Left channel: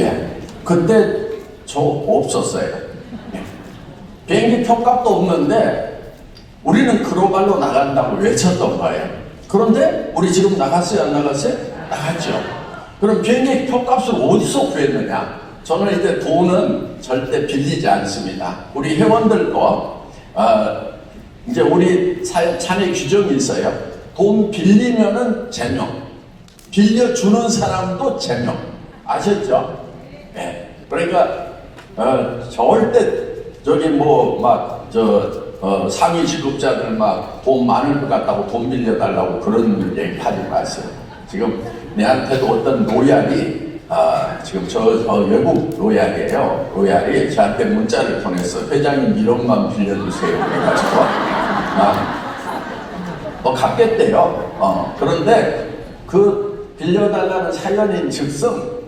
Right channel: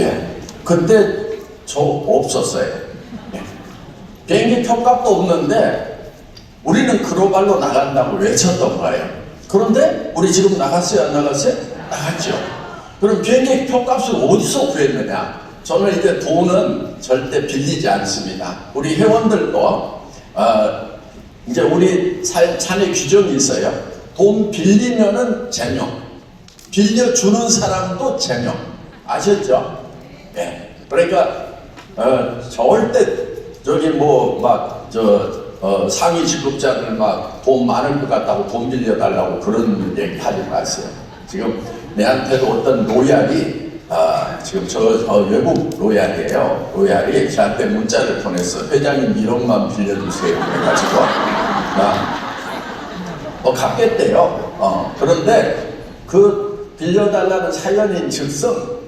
예. 그때 저 없었어요. 예. 비행기 표값도 없는데 우리는 그로발로 나간다고 외쳤던 거예요. 그런데 우리 지금 나갔어요? 안 나갔어요? 나갔죠. 그럼 비행기 표값을 어디서 구했느냐? 저는 이제 돈은 절대 빌리지 않습니다. 우리 회원들도 이제 우리 참여 규정이 있어요. 돈 빌리면은 제명, 빌려주는 사람도 제명. 아셨죠? 예. 그러니까 절대 저기 상위 직급자들 막 돈 많을 것 같다고 돈 빌려달라고 그런 얘기 하지 마세요. 지금 내한테도 어떤 로얄이 지금 저 외국 로얄이에요. 로얄이 저한테 문자를 보냈어. 회장님 1억만 빌려주세요. 그래가지고 갚겠대요. 그런데 그 빌려달라는 사연인 즉슨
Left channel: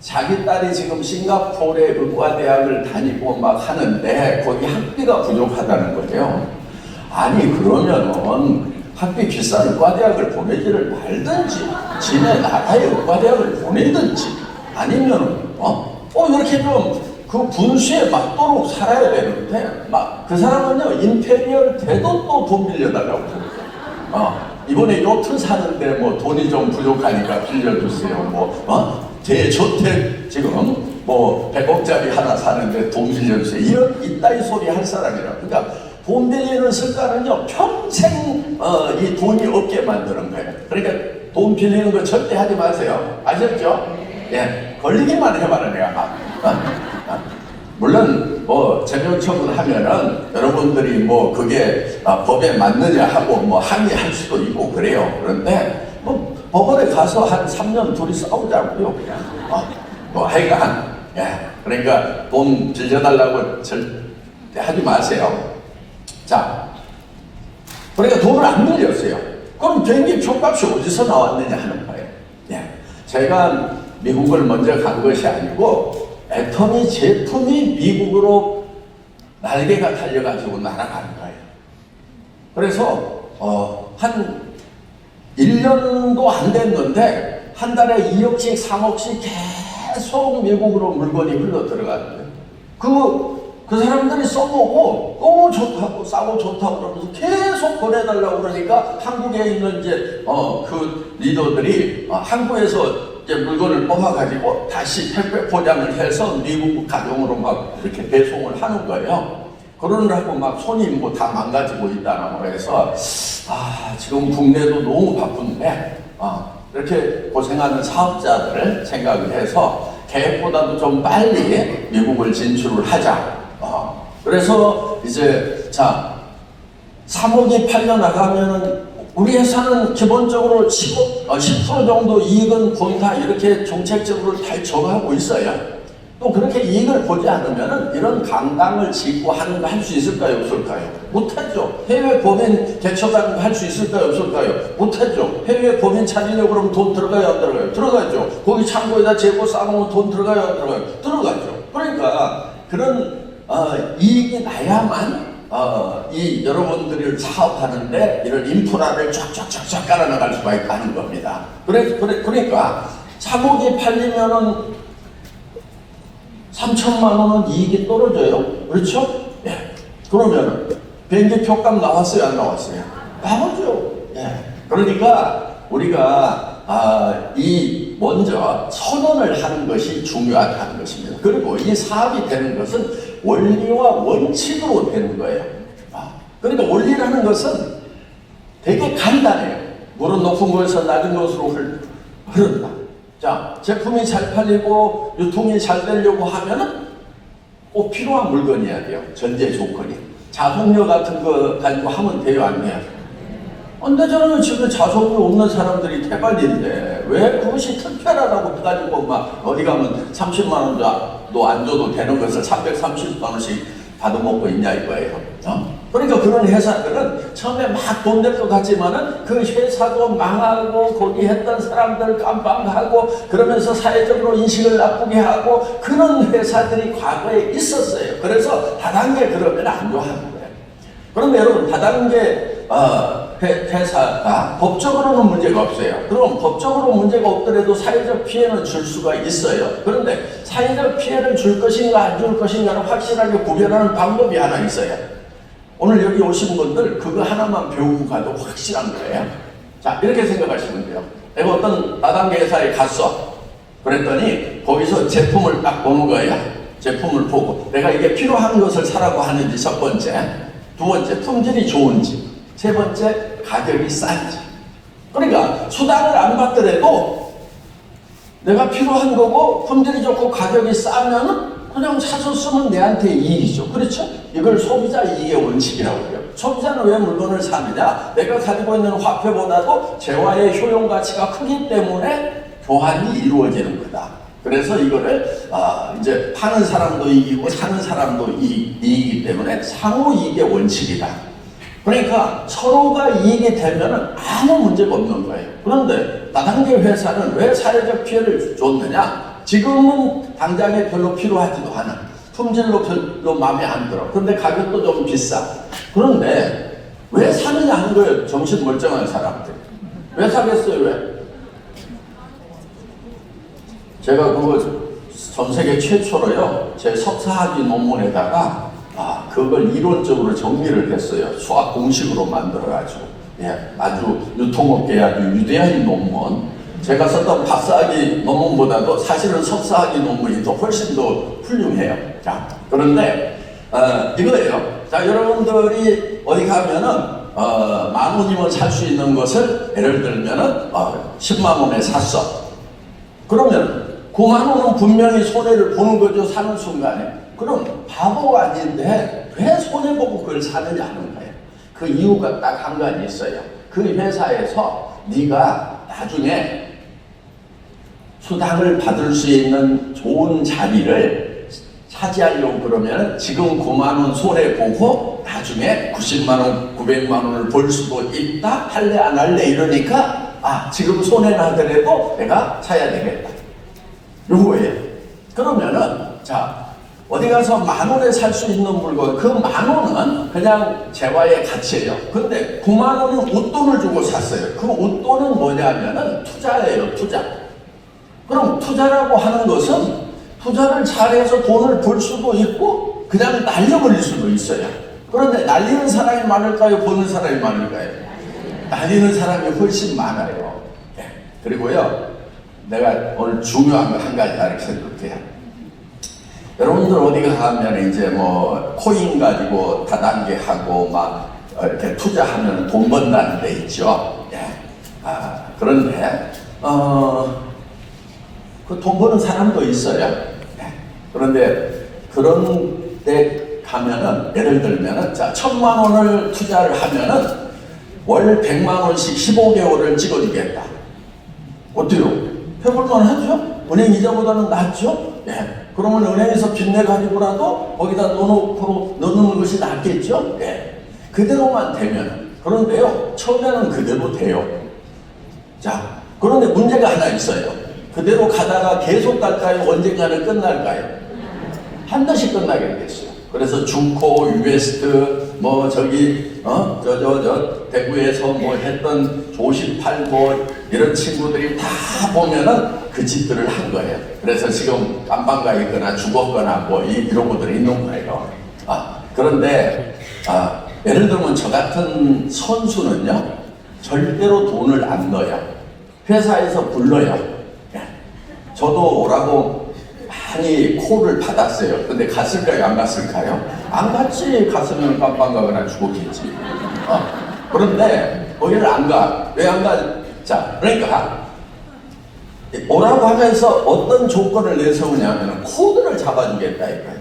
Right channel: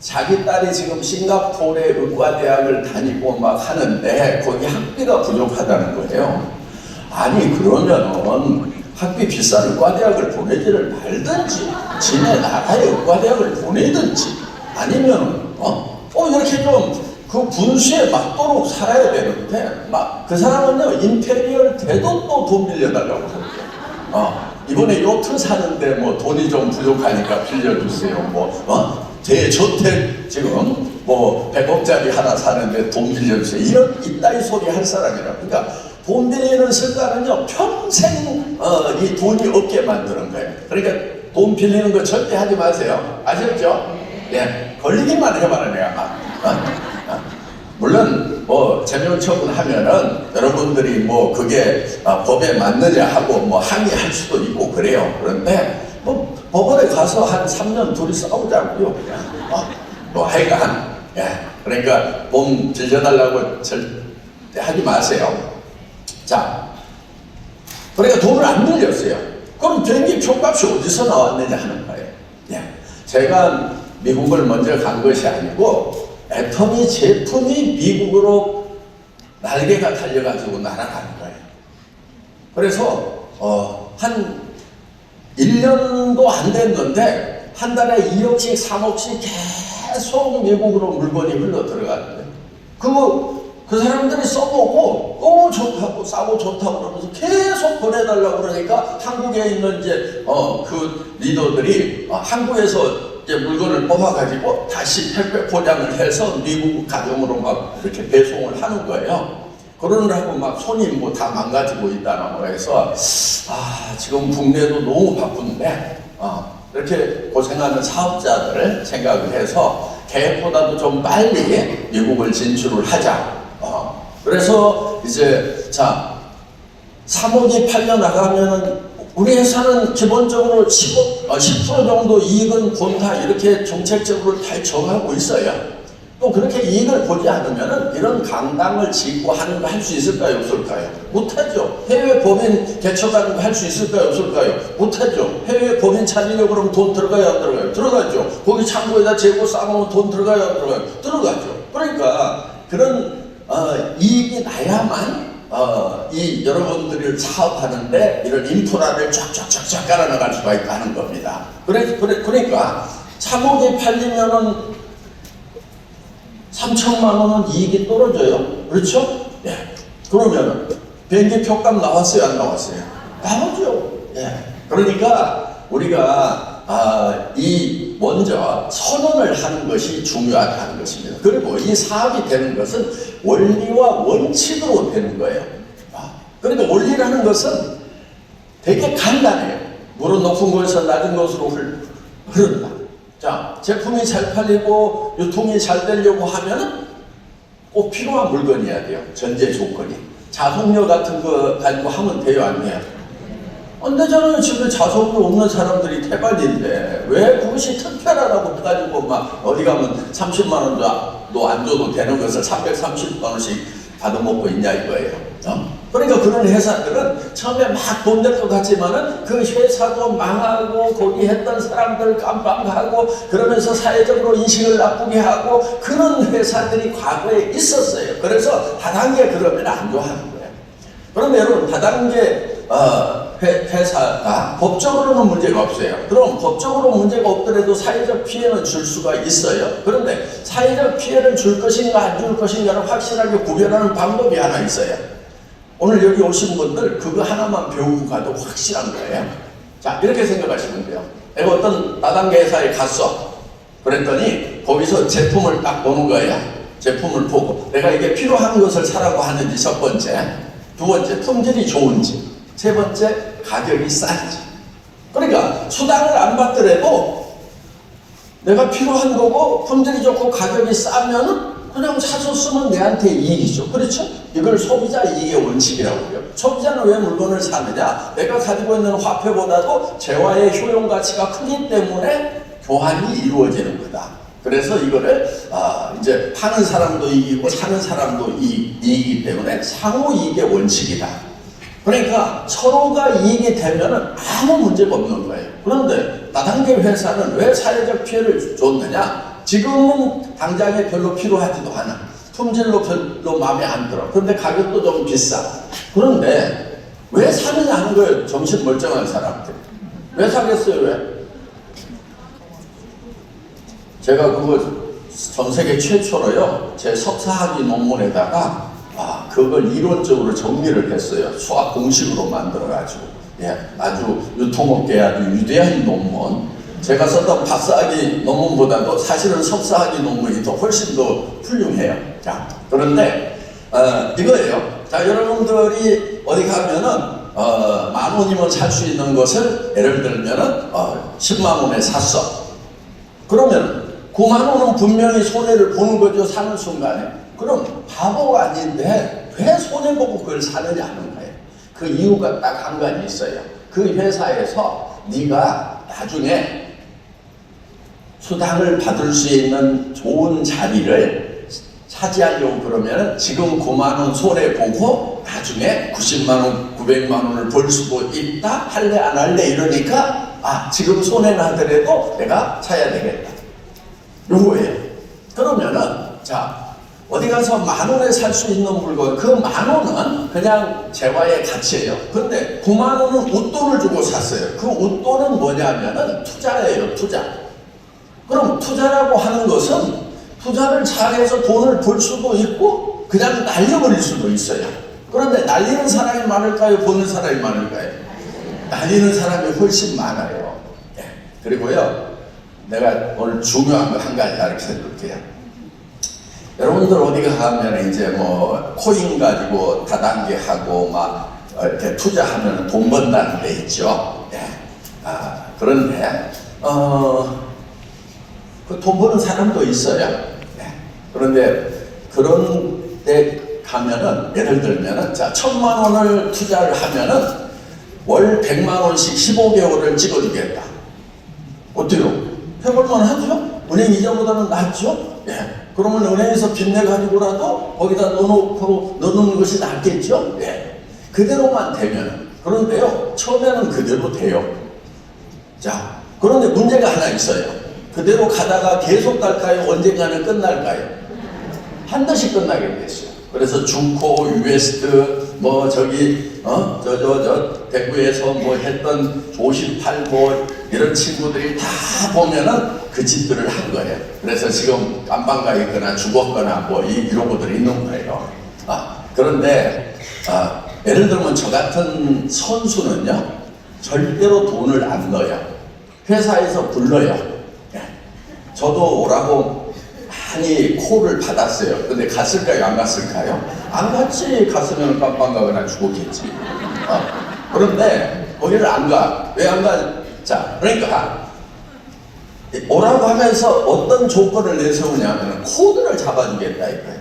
자기 딸이 지금 싱가포르의 의과대학을 다니고 막 하는데 거기 학비가 부족하다는 거예요. 아니 그러면은 학비 비싼 의과대학을 보내지를 말든지 지네 나라의 의과대학을 보내든지 아니면 이렇게 좀 그 분수에 맞도록 살아야 되는데 막 그 사람은요 임페리얼 대도 또 돈 빌려달라고 이번에 요트 사는데 뭐 돈이 좀 부족하니까 빌려주세요. 대저택 지금 100억짜리 하나 사는데 돈 빌려주세요. 이런 이따위 소리 할 사람이라고. 그러니까 돈 빌리는 습관은요 평생 이 돈이 없게 만드는 거예요. 그러니까 돈 빌리는 거 절대 하지 마세요. 아셨죠? 예, 걸리기만 해봐라 내가. 물론 제명 처분하면은 여러분들이 그게 법에 맞느냐 하고 항의할 수도 있고 그래요. 그런데 법원에 가서 한 3년 둘이 싸우자고요. 그냥 하여간 그러니까 돈 빌려달라고 절대 하지 마세요. 자, 그러니까 돈을 안 빌렸어요. 그럼 비행기 표값이 어디서 나왔느냐 하는 거예요. 제가 미국을 먼저 간 것이 아니고 애터미 제품이 미국으로 날개가 달려가지고 날아가는 거예요. 그래서 한 1년도 안 됐는데 한 달에 2억씩 3억씩 계속 미국으로 물건이 흘러 들어가는데 그 사람들이 써보고 너무 좋다고 싸고 좋다고 그러면서 계속 보내달라고 그러니까 한국에 있는 이제 그 리더들이 한국에서 이제 물건을 뽑아가지고 다시 택배 포장을 해서 미국 가정으로 막 이렇게 배송을 하는 거예요. 그러느라고 막 손이 다 망가지고 있다고 해서 지금 국내도 너무 바쁜데 이렇게 고생하는 사업자들을 생각을 해서 계획보다도 좀 빨리 미국을 진출을 하자. 그래서 이제 3억이 팔려나가면 우리 회사는 기본적으로 10% 정도 이익은 본다 이렇게 정책적으로 잘 정하고 있어요. 또 그렇게 이익을 보지 않으면 이런 강당을 짓고 하는 거 할 수 있을까요? 없을까요? 못하죠. 해외 법인 개척하는 거 할 수 있을까요? 없을까요? 못하죠. 해외 법인 찾으려고 그러면 돈 들어가요? 안 들어가요? 들어가죠. 거기 창고에다 재고 쌓으면 돈 들어가요? 안 들어가요? 들어가죠. 그러니까 그런 이익이 나야만 이 여러분들이 사업하는데 이런 인프라를 쫙쫙쫙쫙 깔아나갈 수가 있다는 겁니다. 그러니까 3억이 팔리면은 3천만 원은 이익이 떨어져요. 그렇죠? 그러면 비행기 표값 나왔어요? 안 나왔어요? 나오죠. 그러니까 우리가 먼저 선언을 하는 것이 중요하다는 것입니다. 그리고 이 사업이 되는 것은 원리와 원칙으로 되는 거예요. 그러니까 원리라는 것은 되게 간단해요. 물은 높은 곳에서 낮은 곳으로 흐른다. 자, 제품이 잘 팔리고 유통이 잘 되려고 하면은 꼭 필요한 물건이어야 돼요. 전제 조건이. 자동료 같은 거 가지고 하면 돼요, 안 돼요? 근데 저는 지금 자동료 없는 사람들이 태반인데 왜 그것이 특별하다고 해가지고 막 어디 가면 30만 원도 안 줘도 되는 것을 330만 원씩 받아먹고 있냐 이거예요. 그러니까 그런 회사들은 처음에 막 돈 될 것 같지만은 그 회사도 망하고 거기 했던 사람들 깜빵하고 그러면서 사회적으로 인식을 나쁘게 하고 그런 회사들이 과거에 있었어요. 그래서 다단계 그러면 안 좋아하는 거예요. 그런데 여러분 다단계 회사가 법적으로는 문제가 없어요. 그럼 법적으로 문제가 없더라도 사회적 피해는 줄 수가 있어요. 그런데 사회적 피해를 줄 것인가 안 줄 것인가를 확실하게 구별하는 방법이 하나 있어요. 오늘 여기 오신 분들 그거 하나만 배우고 가도 확실한 거예요. 자, 이렇게 생각하시면 돼요. 내가 어떤 다단계 회사에 갔어. 그랬더니 거기서 제품을 딱 보는 거예요. 제품을 보고 내가 이게 필요한 것을 사라고 하는지 첫 번째, 두 번째 품질이 좋은지, 세 번째 가격이 싼지. 그러니까 수당을 안 받더라도 내가 필요한 거고 품질이 좋고 가격이 싸면은 그냥 사서 쓰면 내한테 이익이죠. 그렇죠? 이걸 소비자 이익의 원칙이라고 해요. 소비자는 왜 물건을 사느냐? 내가 가지고 있는 화폐보다도 재화의 효용 가치가 크기 때문에 교환이 이루어지는 거다. 그래서 이거를 이제 파는 사람도 이익이고 사는 사람도 이익이기 때문에 상호 이익의 원칙이다. 그러니까 서로가 이익이 되면 아무 문제가 없는 거예요. 그런데 다단계 회사는 왜 사회적 피해를 줬느냐? 지금은 당장에 별로 필요하지도 않아. 품질도 별로 마음에 안 들어. 그런데 가격도 너무 비싸. 그런데 왜 사느냐 하는 거예요. 정신 멀쩡한 사람들. 왜 사겠어요? 왜? 제가 그거 전 세계 최초로요. 제 석사학위 논문에다가 그걸 이론적으로 정리를 했어요. 수학 공식으로 만들어가지고. 예, 아주 유통업계에 아주 유대한 논문. 제가 썼던 박사학위 논문보다도 사실은 석사학위 논문이 더 훨씬 더 훌륭해요. 자, 그런데 이거예요. 자, 여러분들이 어디 가면은 10,000원이면 살 수 있는 것을 예를 들면은 10만 원에 샀어. 그러면 9만 원은 분명히 손해를 보는 거죠. 사는 순간에. 그럼 바보가 아닌데 왜 손해보고 그걸 사느냐 하는 거예요. 그 이유가 딱 한 가지 있어요. 그 회사에서 네가 나중에 수당을 받을 수 있는 좋은 자리를 차지하려고 그러면 지금 9만 원 손해보고 나중에 90만 원, 900만 원을 벌 수도 있다. 할래 안 할래 이러니까 지금 손해나더라도 내가 사야 되겠다. 요거예요. 그러면은 자 어디 가서 10,000원에 살 수 있는 물건 그 10,000원은 그냥 재화의 가치예요. 근데 9만 원은 웃돈을 주고 샀어요. 그 웃돈은 뭐냐면은 투자예요. 투자. 그럼 투자라고 하는 것은 투자를 잘해서 돈을 벌 수도 있고 그냥 날려버릴 수도 있어요. 그런데 날리는 사람이 많을까요? 버는 사람이 많을까요? 날리는 사람이 훨씬 많아요. 네. 그리고요 내가 오늘 중요한 거 한 가지 가르쳐 볼게요. 여러분들 어디 가면 이제 뭐 코인 가지고 다단계 하고 막 이렇게 투자하면 돈 번다는 데 있죠. 예. 그런데 그 돈 버는 사람도 있어요. 예. 그런데 그런 데 가면은 예를 들면은 자 1,000만 원을 투자를 하면은 월 100만 원씩 15개월을 찍어주겠다. 어때요? 해볼만 하죠? 은행 이자보다는 낫죠? 예. 그러면 은행에서 빚내 가지고라도 거기다 넣는 것이 낫겠죠? 예. 그대로만 되면. 그런데요, 처음에는 그대로 돼요. 자, 그런데 문제가 하나 있어요. 그대로 가다가 계속 갈까요? 언젠가는 끝날까요? 한 달씩 끝나게 됐어요. 그래서 중코, 유에스트, 뭐 저기 대구에서 뭐 했던 조십팔고 이런 친구들이 다 보면은 그 짓들을 한 거예요. 그래서 지금 깜빵 가 있거나 죽었거나 뭐 이런 것들이 있는 거예요. 그런데 예를 들면 저 같은 선수는요 절대로 돈을 안 넣어요. 회사에서 불러요. 저도 오라고 많이 콜을 받았어요. 근데 갔을까요? 안 갔을까요? 안 갔지. 갔으면 깜빵 가거나 죽었겠지. 그런데 거기를 안 가. 왜 안 가? 자, 그러니까 오라고 하면서 어떤 조건을 내세우냐면 코드를 잡아주겠다 이거예요.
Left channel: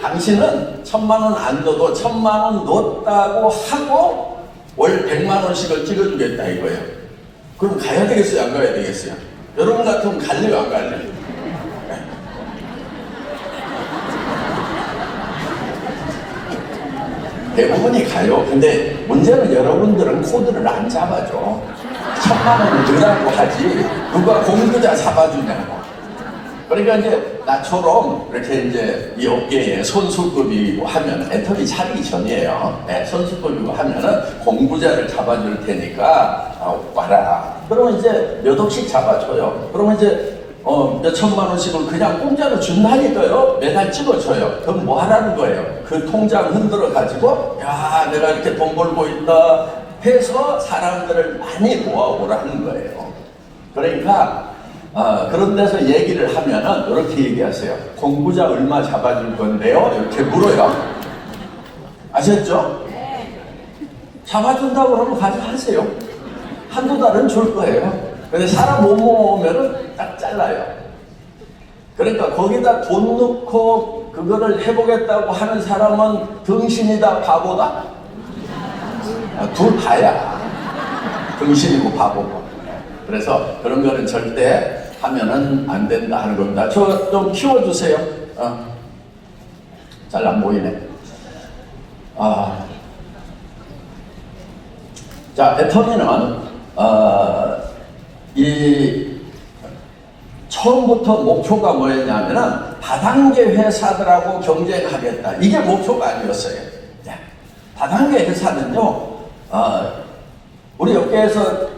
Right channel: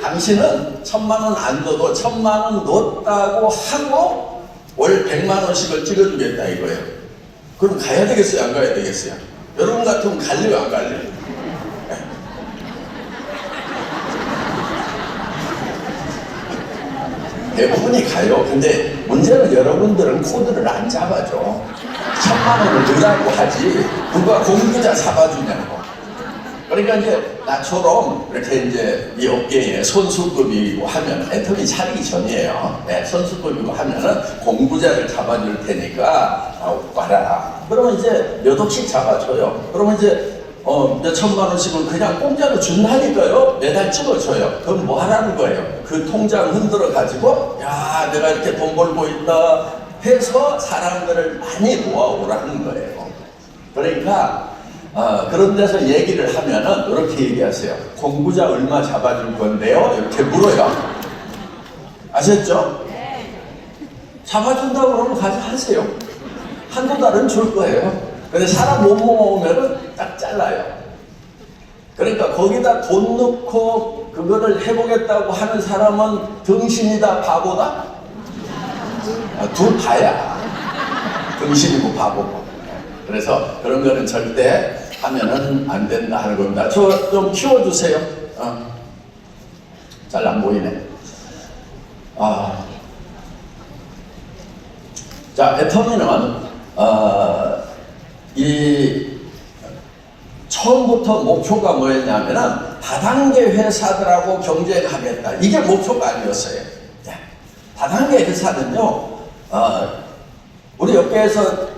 당신은 1,000만 원 안 넣어도 1,000만 원 넣었다고 하고 월 100만 원씩을 찍어주겠다 이거예요. 그럼 가야 되겠어요? 안 가야 되겠어요? 여러분 같으면 갈래요? 안 갈래요? 대부분이 가요. 근데 문제는 여러분들은 코드를 안 잡아줘. 1,000만 원을 넣으라고 하지 누가 공부자 잡아주냐고. 그러니까 이제 나처럼 이렇게 이제 이 업계에 선수급이고 하면 애터미 차리기 전이에요. 네, 선수급이고 하면은 공부자를 잡아줄 테니까 와라. 그러면 이제 몇 억씩 잡아줘요. 그러면 이제 몇 천만 원씩을 그냥 공짜로 준다니까요. 매달 찍어줘요. 그럼 뭐 하라는 거예요? 그 통장 흔들어 가지고 야 내가 이렇게 돈 벌고 있다 해서 사람들을 많이 모아오라는 거예요. 그러니까 그런 데서 얘기를 하면은 이렇게 얘기하세요. 공부자 얼마 잡아줄 건데요? 이렇게 물어요. 아셨죠? 잡아준다고 그러면 가져가세요. 한두 달은 줄 거예요. 근데 사람 못 모으면은 딱 잘라요. 그러니까 거기다 돈 넣고 그거를 해보겠다고 하는 사람은 등신이다 바보다? 둘 다야. 등신이고 바보고. 그래서 그런 거는 절대 하면은 안 된다 하는 겁니다. 저 좀 키워주세요. 잘 안 보이네. 자, 애터미는 이 처음부터 목표가 뭐였냐면은 다단계 회사들하고 경쟁하겠다. 이게 목표가 아니었어요. 다단계 회사는요, 우리 업계에서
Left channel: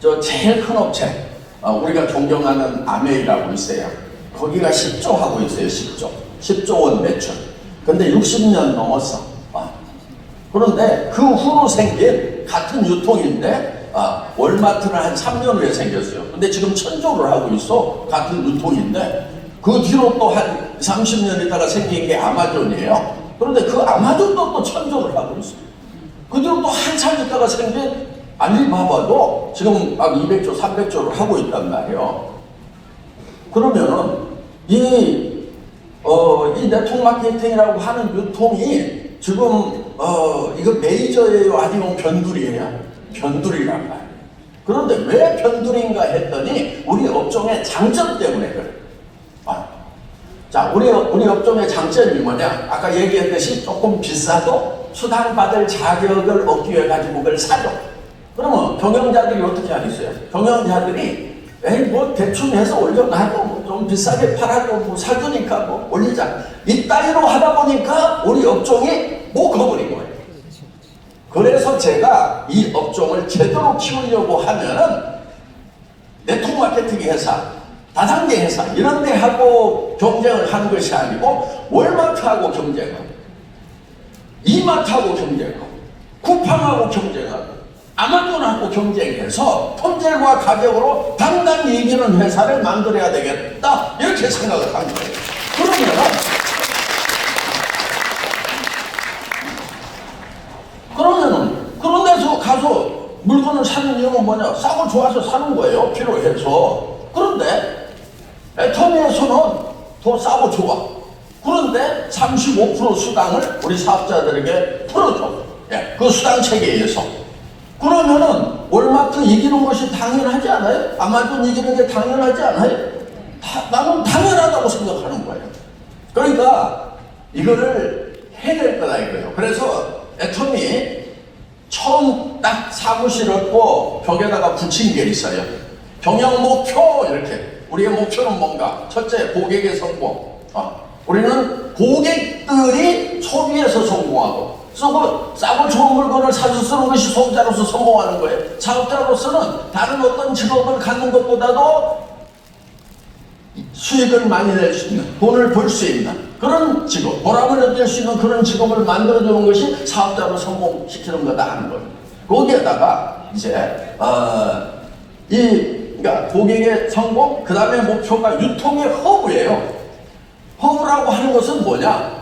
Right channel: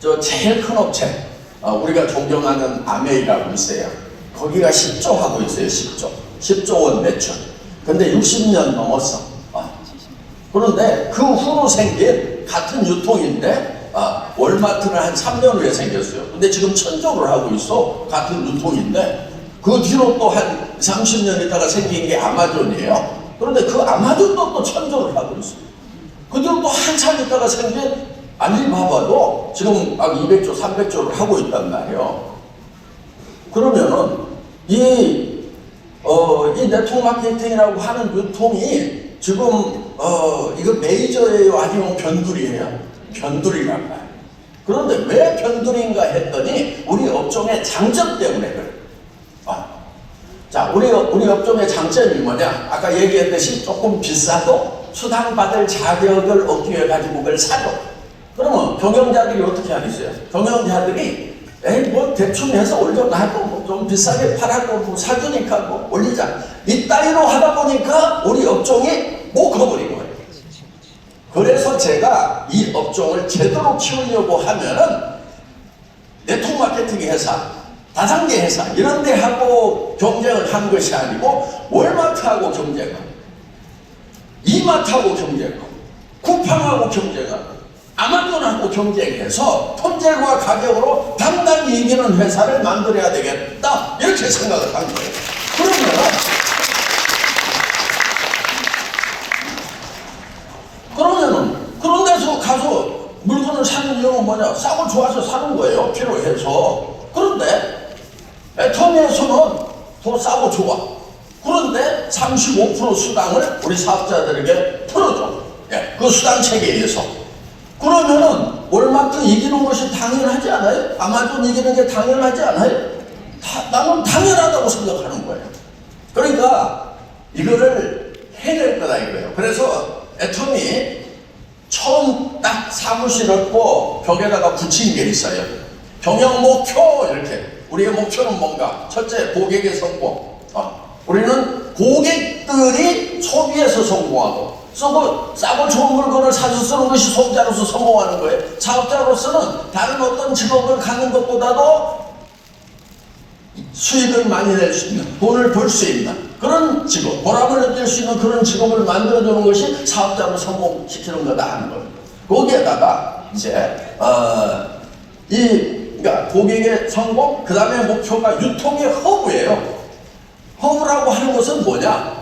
저 제일 큰 업체, 우리가 존경하는 아메이라고 있어요. 거기가 10조 하고 있어요. 10조 원 매출. 근데 60년 넘었어. 그런데 그 후로 생긴 같은 유통인데 월마트는 한 3년 후에 생겼어요. 근데 지금 1000조를 하고 있어. 같은 유통인데 그 뒤로 또 한 30년 있다가 생긴 게 아마존이에요. 그런데 그 아마존도 또 1000조를 하고 있어요. 그 뒤로 또 한참 있다가 생긴 알리바바도 지금 막 200조, 300조를 하고 있단 말이에요. 그러면은 이 네트워크 마케팅이라고 하는 유통이 지금 이거 메이저예요? 아니면 변두리예요? 변두리란 말이에요. 그런데 왜 변두리인가 했더니 우리 업종의 장점 때문에 그래요. 자, 우리 업종의 장점이 뭐냐? 아까 얘기했듯이 조금 비싸도 수당받을 자격을 얻기 위해 가지고 그걸 사죠. 그러면 경영자들이 어떻게 하겠어요? 경영자들이 에이 뭐 대충 해서 올려놔도 좀 비싸게 팔아도 뭐 사주니까 뭐 올리자. 이 따위로 하다 보니까 우리 업종이 못 가버린 거예요. 그래서 제가 이 업종을 제대로 키우려고 하면은 네트워크 마케팅 회사, 다단계 회사 이런 데하고 경쟁을 한 것이 아니고 월마트하고 경쟁하고 이마트하고 경쟁하고 쿠팡하고 경쟁하고 아마존하고 경쟁해서 품질과 가격으로 당당히 이기는 회사를 만들어야 되겠다 이렇게 생각을 한 거예요. 그러면은 그런 데서 가서 물건을 사는 이유는 뭐냐? 싸고 좋아서 사는 거예요. 필요해서. 그런데 애터미에서는 더 싸고 좋아. 그런데 35% 수당을 우리 사업자들에게 풀어줘. 그 수당 체계에서. 그러면은 월마트 이기는 것이 당연하지 않아요? 아마존 이기는 게 당연하지 않아요? 나는 당연하다고 생각하는 거예요. 그러니까 이거를 해낼 거다 이거예요. 그래서 애터미 처음 딱 사무실 얻고 벽에다가 붙인 게 있어요. 경영 목표 이렇게. 우리의 목표는 뭔가? 첫째, 고객의 성공. 우리는 고객들이 소비에서 성공하고 싸고 좋은 물건을 사서 쓰는 것이 소비자로서 성공하는 거예요. 사업자로서는 다른 어떤 직업을 갖는 것보다도 수익을 많이 낼 수 있는, 돈을 벌 수 있는 그런 직업, 보람을 느낄 수 있는 그런 직업을 만들어주는 것이 사업자로 성공시키는 거다 하는 거예요. 거기에다가 이제 그러니까 고객의 성공, 그 다음에 목표가 유통의 허브예요. 허브라고 하는 것은 뭐냐?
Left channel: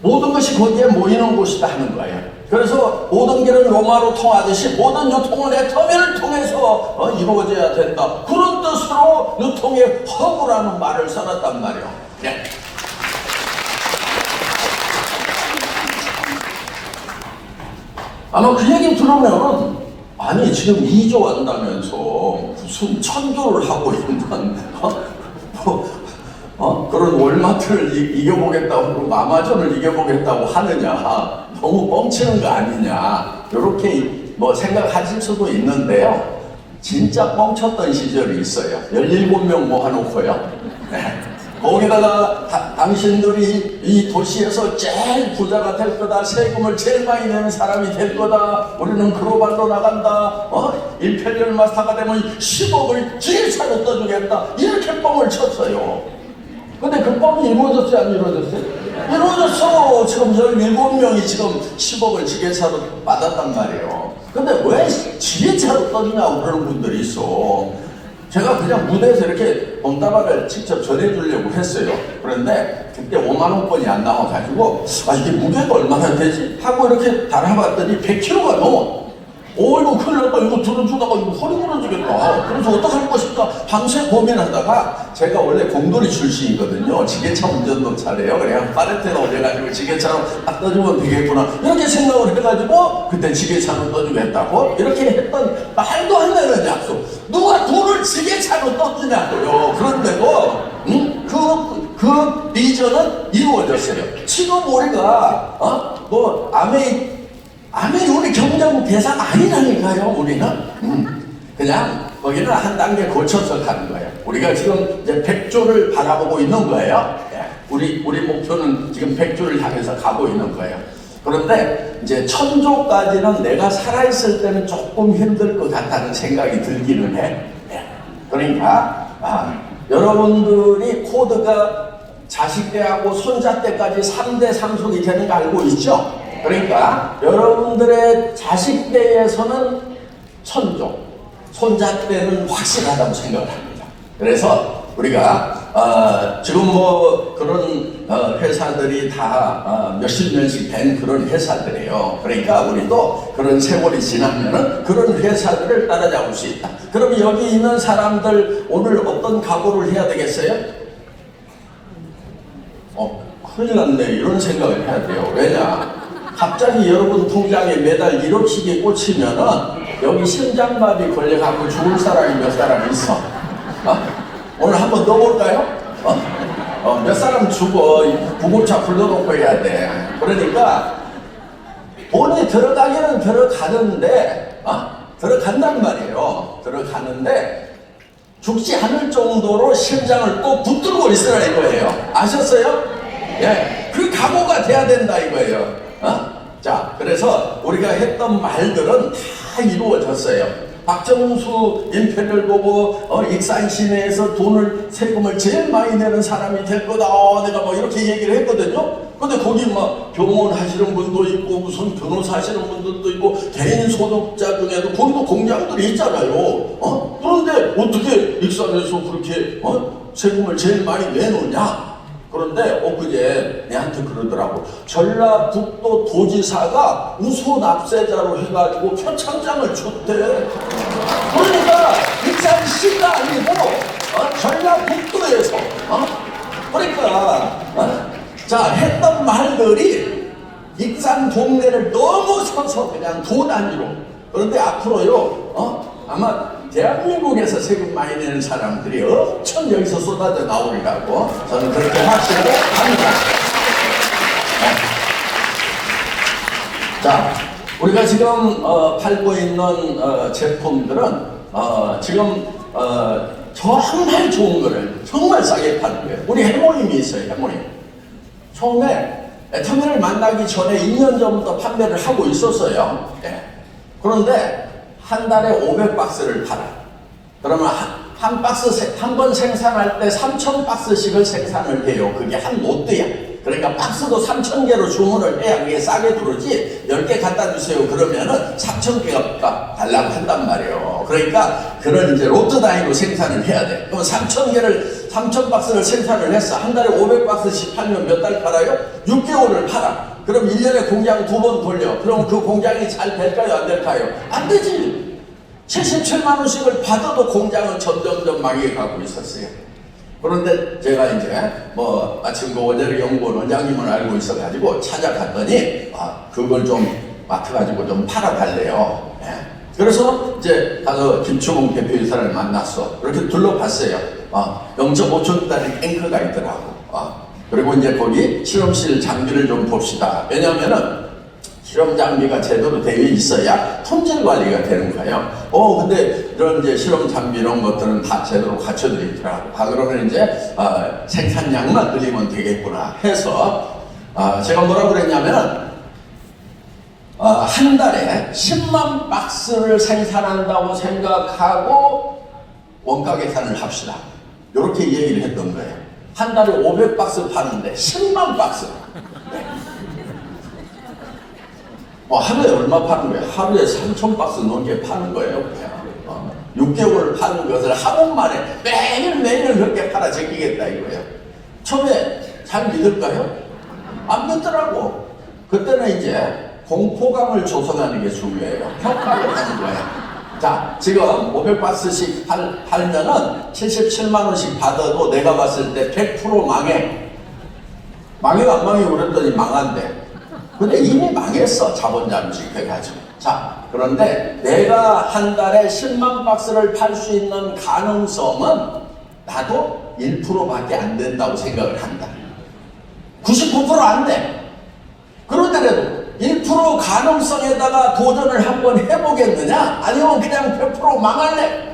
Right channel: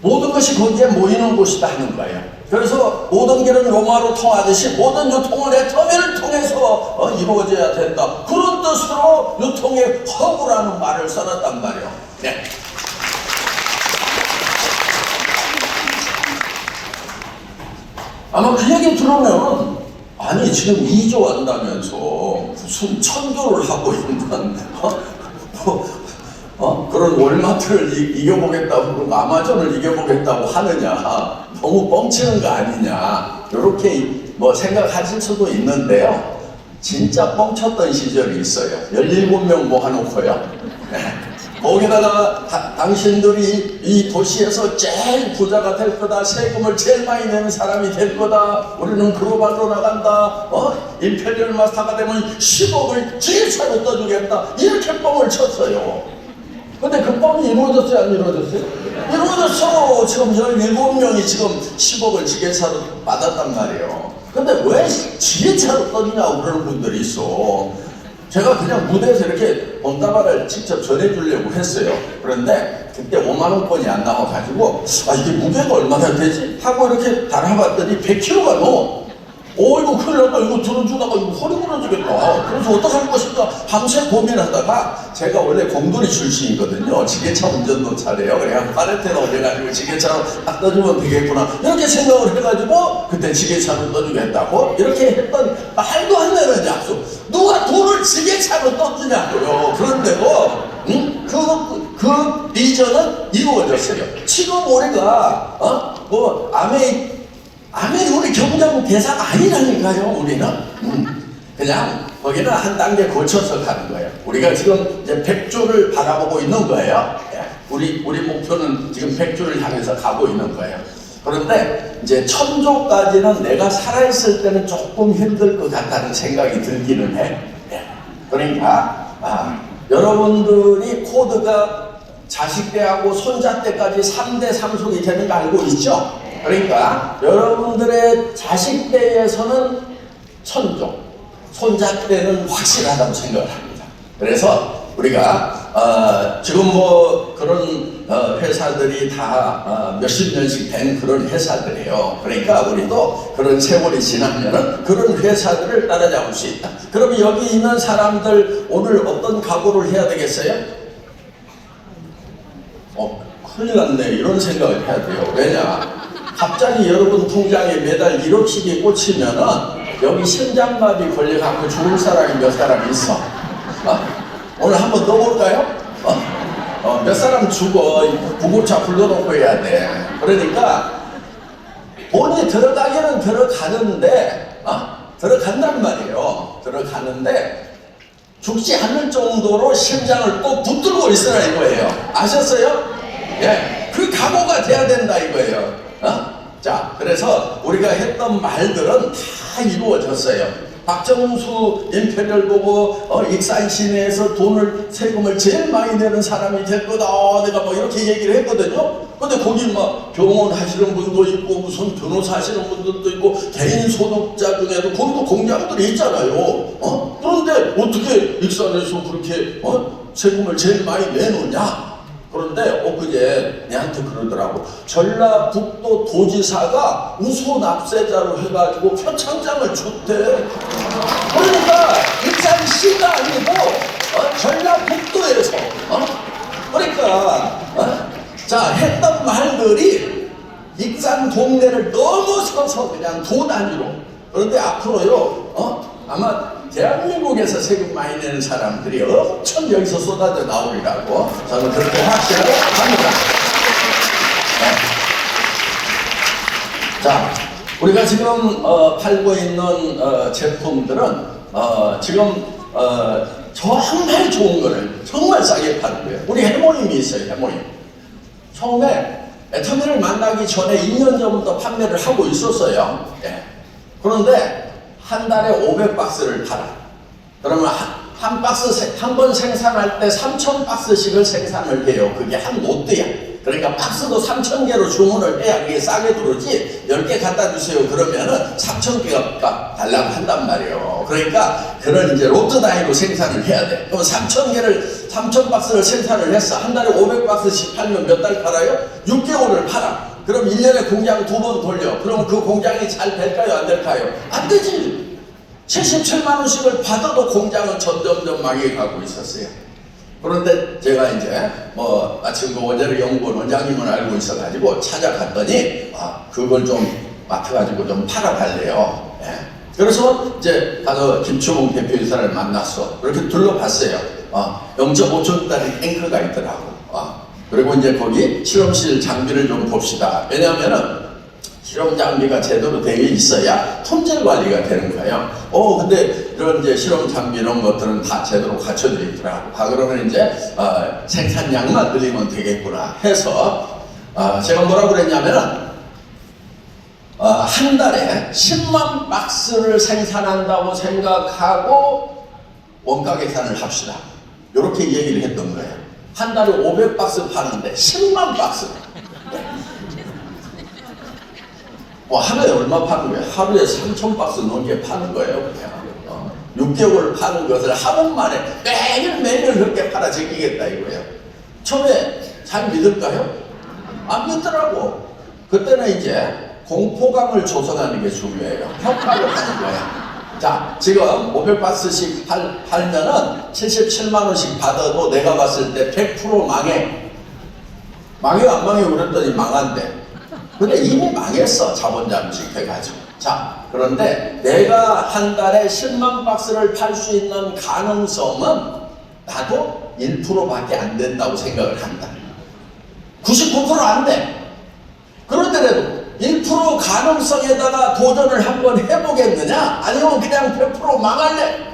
모든 것이 거기에 모이는 곳이다 하는 거예요. 그래서 모든 길은 로마로 통하듯이 모든 유통은 애터미를 통해서 이루어져야 된다. 그런 뜻으로 유통의 허브라는 말을 써놨단 말이에요. 네. 아마 그 얘기 들으면 아니 지금 2조 한다면서 무슨 1000조를 하고 있는 그런 월마트를 이겨보겠다고 아마존을 이겨보겠다고 하느냐, 너무 뻥치는 거 아니냐 이렇게 뭐 생각하실 수도 있는데요. 진짜 뻥쳤던 시절이 있어요. 17명 모아놓고요. 네. 거기다가 당신들이 이 도시에서 제일 부자가 될 거다, 세금을 제일 많이 내는 사람이 될 거다, 우리는 글로벌로 나간다, 임페리얼 마스터가 되면 10억을 제일 차로 떠주겠다, 이렇게 뻥을 쳤어요. 근데 그 뻥이 이루어졌어요, 안 이루어졌어요? 이루어졌어. 지금 17명이 지금 10억을 지게차로 받았단 말이에요. 근데 왜 지게차로 떠주냐고 그러는 분들이 있어. 제가 그냥 무대에서 이렇게 봉다발을 직접 전해주려고 했어요. 그런데 그때 5만원권이 안 나와가지고 이게 무게가 얼마나 되지? 하고 이렇게 달아봤더니 100kg가 넘어. 이거 큰일 났다. 이거 들어주다가 이거 허리 부러지겠다. 그래서 어떡할 것인가 밤새 고민하다가, 제가 원래 공돌이 출신이거든요. 지게차 운전도 잘해요. 그래서 파레테나 올려가지고 지게차로 딱 떠주면 되겠구나, 이렇게 생각을 해가지고 그때 지게차로 떠주겠다고 이렇게 했던 말도 안 되는 약속. 누가 돈을 지게차로 떠주냐고요. 그런데도 그 비전은 이루어졌어요. 지금 우리가 아메 우리 경제부 배상 아니라니까요. 우리는 그냥 거기는 한 단계 거쳐서 가는 거예요. 우리가 지금 이제 100조를 바라보고 있는 거예요. 우리 목표는 지금 100조를 향해서 가고 있는 거예요. 그런데 이제 1000조까지는 내가 살아있을 때는 조금 힘들 것 같다는 생각이 들기는 해. 그러니까 여러분들이 코드가 자식 때하고 손자 때까지 3대 상속이 되는 거 알고 있죠? 그러니까 여러분들의 자식 때에서는 1000조, 손자 때는 확실하다고 생각을 합니다. 그래서 우리가 지금 그런 회사들이 다 몇십 년씩 된 그런 회사들이에요. 그러니까 우리도 그런 세월이 지나면은 그런 회사들을 따라잡을 수 있다. 그럼 여기 있는 사람들 오늘 어떤 각오를 해야 되겠어요? 큰일 났네, 이런 생각을 해야 돼요. 왜냐? 갑자기 여러분 통장에 매달 1억씩이 꽂히면은 여기 심장마비 걸려갖고 죽을 사람이 몇 사람 있어. 오늘 한번 넣어볼까요? 몇 사람 죽어. 구급차 불러놓고 해야 돼. 그러니까 돈이 들어가기는 들어가는데 들어간단 말이에요. 들어가는데 죽지 않을 정도로 심장을 꼭 붙들고 있으라 이거예요. 아셨어요? 예, 그 각오가 돼야 된다 이거예요. 자, 그래서 우리가 했던 말들은 다 이루어졌어요. 박정수 임페리얼 보고 익산 시내에서 세금을 제일 많이 내는 사람이 될 거다. 내가 이렇게 얘기를 했거든요. 근데 거기 병원 하시는 분도 있고 무슨 변호사 하시는 분들도 있고 개인 소득자 중에도 거기도 공장들이 있잖아요. 그런데 어떻게 익산에서 그렇게 세금을 제일 많이 내놓냐? 그런데 엊그제 내한테 그러더라고. 전라북도 도지사가 우소 납세자로 해가지고 표창장을 줬대. 그러니까 익산시가 아니고 전라북도에서 그러니까 자, 했던 말들이 익산 동네를 넘어서서 그냥 도 단위로. 그런데 앞으로요 아마 대한민국에서 세금 많이 내는 사람들이 엄청 여기서 쏟아져 나오리라고 저는 그렇게 확신을 합니다. 자, 우리가 지금 팔고 있는 제품들은 지금 정말 좋은 거를 정말 싸게 파는 거예요. 우리 해모임이 있어요. 해모임. 처음에 애터미를 만나기 전에 2년 전부터 판매를 하고 있었어요. 그런데 한 달에 500박스를 팔아. 그러면 한 번 생산할 때 3,000박스씩을 생산을 해요. 그게 한 롯데야. 그러니까 박스도 3,000개로 주문을 해야 그게 싸게 들어오지. 10개 갖다 주세요. 그러면은 3,000개가 달라고 한단 말이에요. 그러니까 그런 이제 로트 단위로 생산을 해야 돼. 그럼 3,000박스를 생산을 했어. 한 달에 500박스씩 팔면 몇 달 팔아요? 6개월을 팔아. 그럼 1년에 공장 2번 돌려. 그럼 그 공장이 잘 될까요? 안 될까요? 안 되지. 77만 원씩을 받아도 공장은 점점점 망해가고 있었어요. 그런데 제가 이제 마침 그 원자력 연구원 원장님을 알고 있어가지고 찾아갔더니 그걸 좀 맡아가지고 좀 팔아달래요. 그래서 이제 가서 김초봉 대표이사를 만났어. 그렇게 둘러봤어요. 0.5톤짜리 탱크가 있더라고. 그리고 이제 거기 실험실 장비를 좀 봅시다. 왜냐하면은 실험 장비가 제대로 되어 있어야 품질 관리가 되는 거예요. 근데 이런 이제 실험 장비 이런 것들은 다 제대로 갖춰져 있더라고. 그러면 이제 생산량만 늘리면 되겠구나 해서 제가 뭐라고 그랬냐면은 한 달에 10만 박스를 생산한다고 생각하고 원가 계산을 합시다. 이렇게 얘기를 했던 거예요. 한 달에 500박스 파는데 10만 박스. 하루에 얼마 파는 거예요? 하루에 3,000박스 넘게 파는 거예요. 6개월 파는 것을 한 번만에 매년 그렇게 팔아 제끼겠다 이거예요. 처음에 잘 믿을까요? 안 믿더라고. 그때는 이제 공포감을 조성하는 게 중요해요. 평가를 하는 거야. 자, 지금 500박스씩 팔면은 77만원씩 받아도 내가 봤을 때 100% 망해. 망해 안 망해 그랬더니 망한대. 근데 이미 망했어. 자본 잠식해가지고. 자, 그런데 내가 한 달에 10만 박스를 팔 수 있는 가능성은 나도 1%밖에 안 된다고 생각을 한다. 99%안 돼. 그런데라도 1% 가능성에다가 도전을 한번 해보겠느냐? 아니면 그냥 100% 망할래?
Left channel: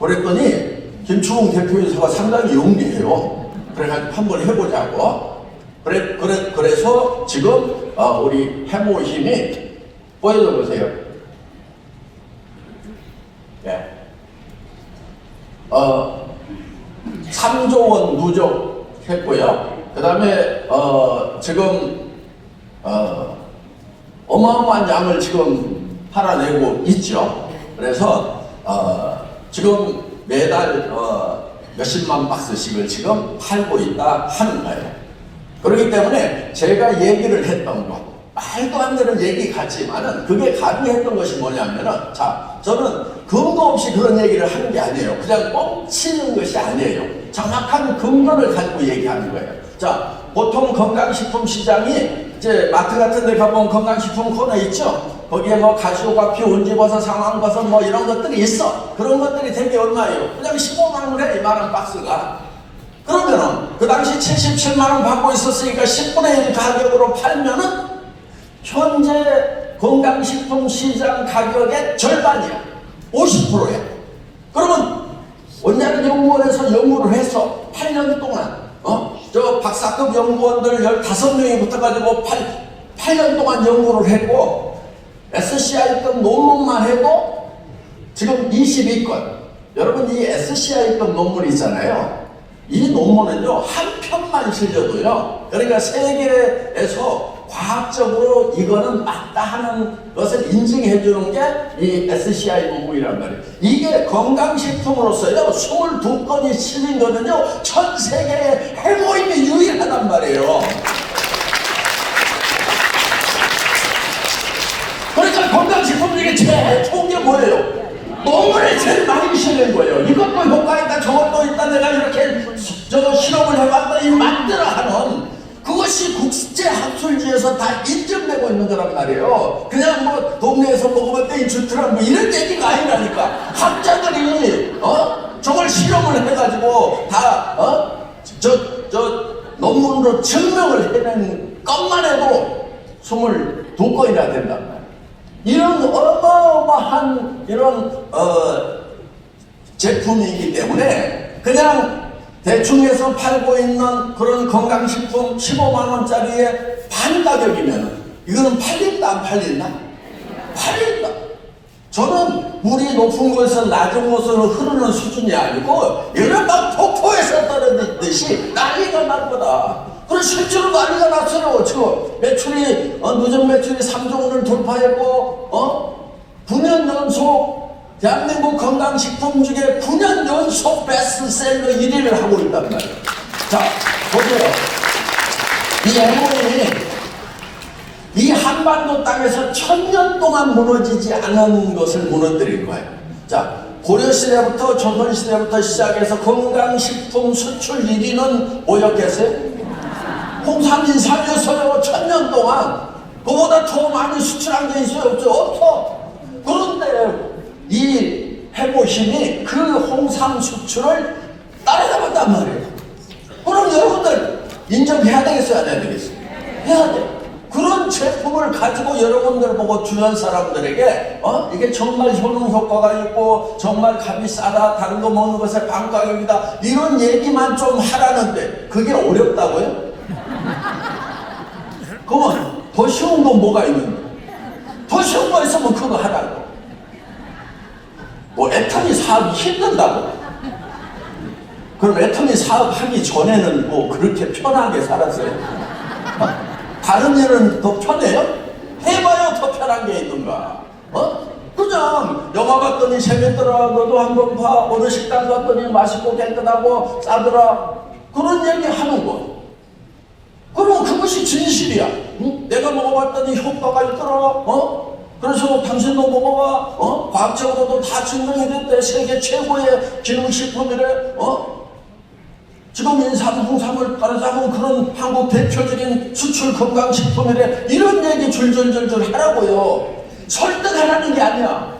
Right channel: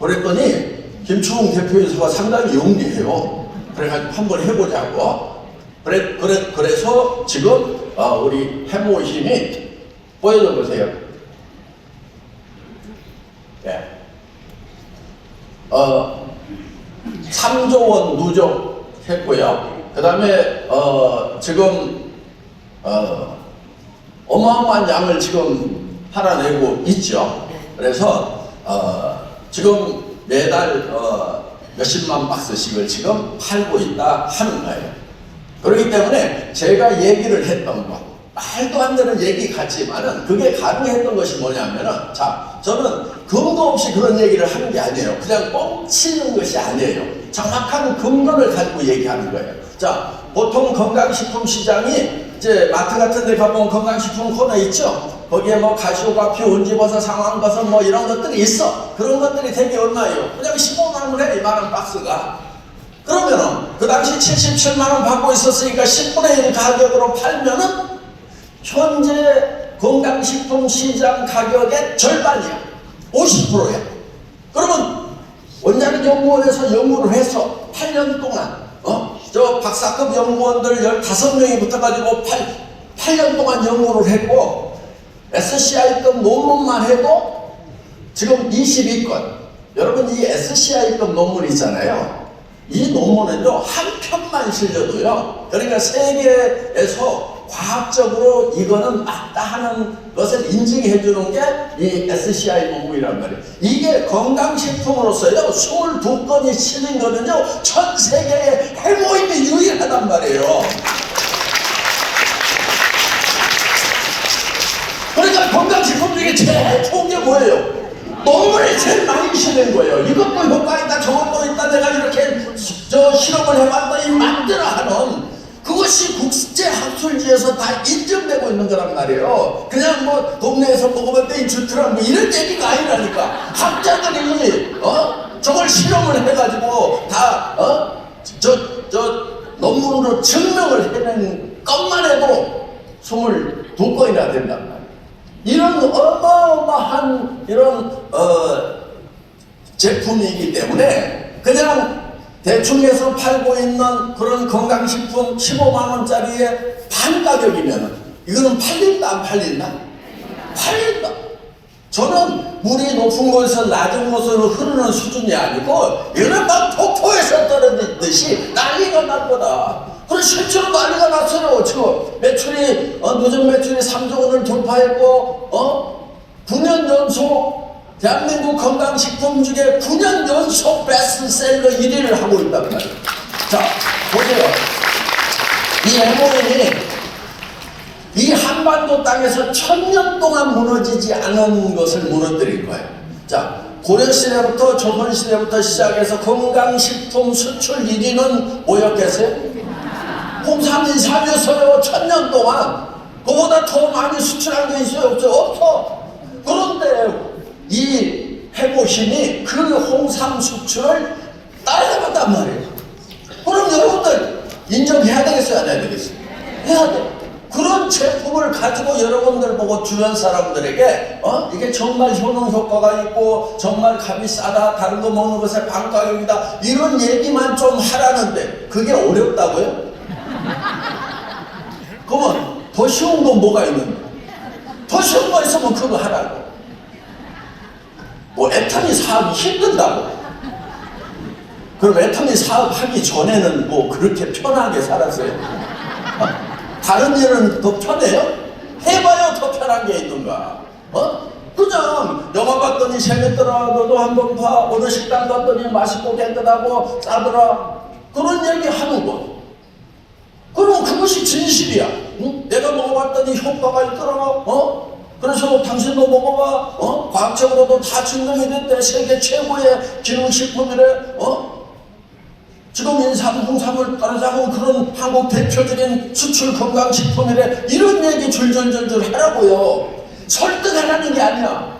그랬더니 김충웅 대표이사가 상당히 용기해요. 그래가지고 한번 해보자고. 그래서 지금 우리 해모 힘이 보여줘 보세요. 네. 3조 원 누적했고요. 그 다음에 지금 어마어마한 양을 지금 팔아내고 있죠. 그래서 지금 매달 몇십만 박스씩을 지금 팔고 있다 하는 거예요. 그렇기 때문에 제가 얘기를 했던 것, 말도 안 되는 얘기 같지만은 그게 가능했던 것이 뭐냐면은, 자, 저는 근거 없이 그런 얘기를 하는 게 아니에요. 그냥 뻥치는 것이 아니에요. 정확한 근거를 가지고 얘기하는 거예요. 자, 보통 건강식품 시장이 이제 마트 같은 데 가보면 건강식품 코너 있죠? 거기에 뭐 가시오과피, 온지버섯, 상황버섯 뭐 이런 것들이 있어. 그런 것들이 되게 얼마예요? 그냥 15만원 해, 이만한 박스가. 그러면은 그 당시 77만원 받고 있었으니까 10분의 1 가격으로 팔면은 현재 건강식품 시장 가격의 절반이야. 50%야. 그러면 원자력 연구원에서 연구를 해서 8년 동안 저 박사급 연구원들 15명이 붙어가지고 8년 동안 연구를 했고 SCI급 논문만 해도 지금 22건. 여러분 이 SCI급 논문 있잖아요. 이 논문은요 한 편만 실려도요, 그러니까 세계에서 과학적으로 이거는 맞다 하는 것을 인증해 주는 게 이 SCI 논문이란 말이에요. 이게 건강식품으로서요 22건이 실린 거는요 전 세계에 해모임이 유일하단 말이에요. 그러니까 건강식품 중에 제일 좋은 게 뭐예요? 논문을 제일 많이 실린 거예요. 이것도 효과 있다, 저것도 있다, 내가 이렇게 실험을 해봤더니 맞더라 하는, 그것이 국제 학술지에서 다 인정되고 있는 거란 말이에요. 그냥 뭐 동네에서 먹으면 땡 좋더라 뭐 이런 얘기가 아니라니까. 학자들이 저걸 실험을 해가지고 다 논문으로 증명을 해낸 것만 해도 22건이나 된단 말이에요. 이런 어마어마한 이런 제품이기 때문에 그냥 대충해서 팔고 있는 그런 건강식품 15만원짜리의 반 가격이면 이거는 팔린다 안 팔린다? 팔린다. 저는 물이 높은 곳에서 낮은 곳으로 흐르는 수준이 아니고 이거는 막 폭포에서 떨어지듯이 난리가 날 거다. 그럼 실제로 난리가 났어요. 저 매출이 누적 매출이 3조 원을 돌파했고 9년 연속 대한민국 건강식품 중에 9년 연속 베스트셀러 1위를 하고 있단 말이에요. 자, 보세요. 이 해모인이 이 한반도 땅에서 1000년 동안 무너지지 않은 것을 무너뜨릴 거예요. 자, 고려시대부터 조선시대부터 시작해서 건강식품 수출 1위는 뭐였겠어요? 홍삼진 사료소요. 1000년 동안 그보다 더 많이 수출한 게 있어요? 없죠? 없어. 그런데 이 해보심이 그 홍삼 수출을 따라잡았단 말이에요. 그럼 여러분들 인정해야 되겠어요? 안 해야 되겠어요? 해야 돼. 그런 그 제품을 가지고 여러분들 보고 주변 사람들에게 이게 정말 효능 효과가 있고 정말 값이 싸다, 다른 거 먹는 것에 반가격이다, 이런 얘기만 좀 하라는데 그게 어렵다고요? 그러면 더 쉬운 건 뭐가 있는데? 더 쉬운 거 있으면 그거 하라고. 뭐 애터미 사업이 힘든다고? 그럼 애터미 사업 하기 전에는 뭐 그렇게 편하게 살았어요? 다른 일은 더 편해요? 해봐야 더 편한 게 있는가? 그냥 영화 봤더니 재밌더라, 너도 한번 봐, 어느 식당 갔더니 맛있고 깨끗하고 싸더라, 그런 얘기 하는 거. 그럼 그것이 진실이야. 응? 내가 먹어봤더니 효과가 있더라. 그래서 당신도 먹어봐. 과학적으로도 다 증명이 됐대. 세계 최고의 기능식품이래. 지금 인삼, 홍삼을 따르자고 그런 한국 대표적인 수출 건강식품이래. 이런 얘기 줄줄줄줄 하라고요. 설득하라는 게 아니야.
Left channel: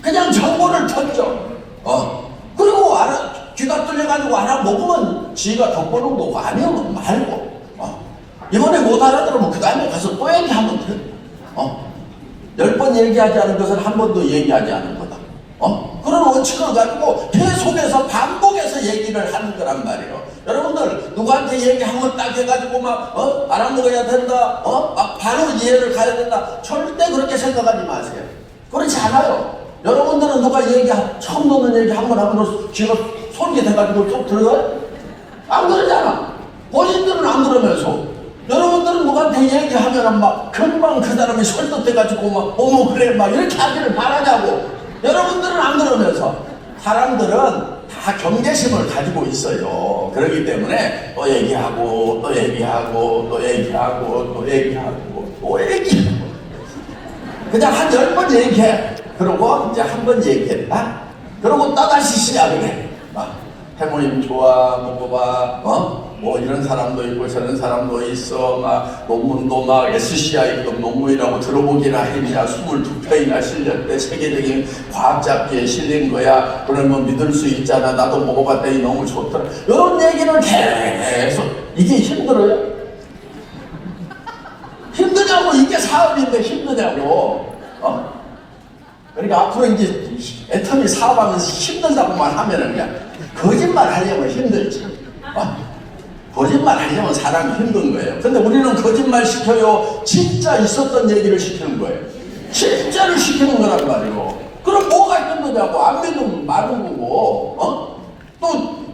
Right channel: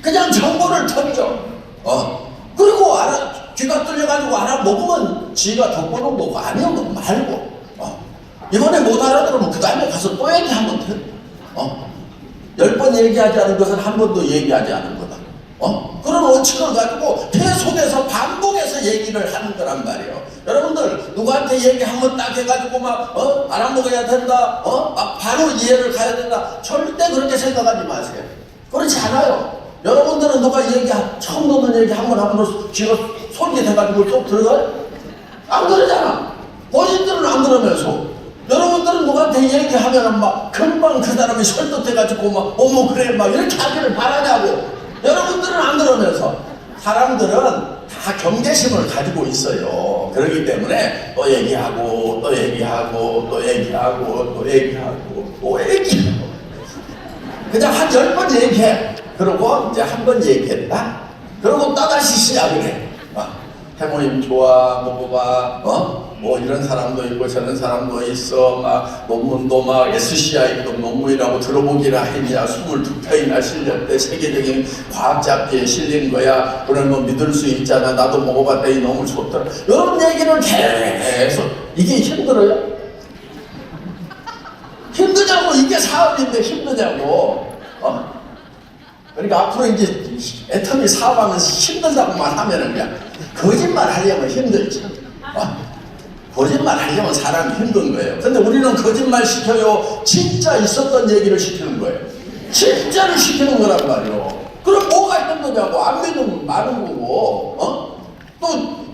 그냥 정보를 던져. 그리고 귀가 뚫려가지고 알아먹으면 지가 덕분을 보고 아니면 말고. 이번에 못 알아들으면 그 다음에 가서 또 얘기하면 돼. 10번 얘기하지 않은 것은 한 번도 얘기하지 않은 거다. 그런 원칙을 가지고 계속해서 반복해서 얘기를 하는 거란 말이에요. 여러분들 누구한테 얘기하면 딱 해가지고 막 알아먹어야 된다, 막 바로 이해를 가야 된다, 절대 그렇게 생각하지 마세요. 그렇지 않아요. 여러분들은 누가 처음 듣는 얘기 한 번 하면 귀가 솔깃해가지고 쏙 들어가요? 안 그러잖아. 본인들은 안 그러면서 여러분들은 누구한테 얘기하면 막 금방 그 사람이 설득돼가지고 막 어머 그래 막 이렇게 하기를 바라냐고. 여러분들은 안 그러면서. 사람들은 다 경계심을 가지고 있어요. 그렇기 때문에 또 얘기하고 또 얘기하고 또 얘기하고 또 얘기하고 또 얘기하고 그냥 한 10번 얘기해. 그러고 이제 한 번 얘기했다, 그러고 또다시 시작을 해. 해모님 좋아, 먹어봐, 뭐 이런 사람도 있고 저런 사람도 있어, 막 논문도 막 SCI도 논문이라고 들어보기나 했냐, 22편이나 실렸대, 세계적인 과학 잡지에 실린 거야, 그러면 믿을 수 있잖아, 나도 먹어봤더니 너무 좋더라, 이런 얘기는 계속. 이게 힘들어요? 힘드냐고. 이게 사업인데 힘드냐고. 그러니까 앞으로 이제 애터미 사업하면서 힘들다고만 하면은 그냥 거짓말 하려면 힘들지. 거짓말 하려면 사람이 힘든 거예요. 근데 우리는 거짓말 시켜요. 진짜 있었던 얘기를 시키는 거예요. 진짜를 시키는 거란 말이에요. 그럼 뭐가 힘드냐고. 안 믿으면 많은 거고. 또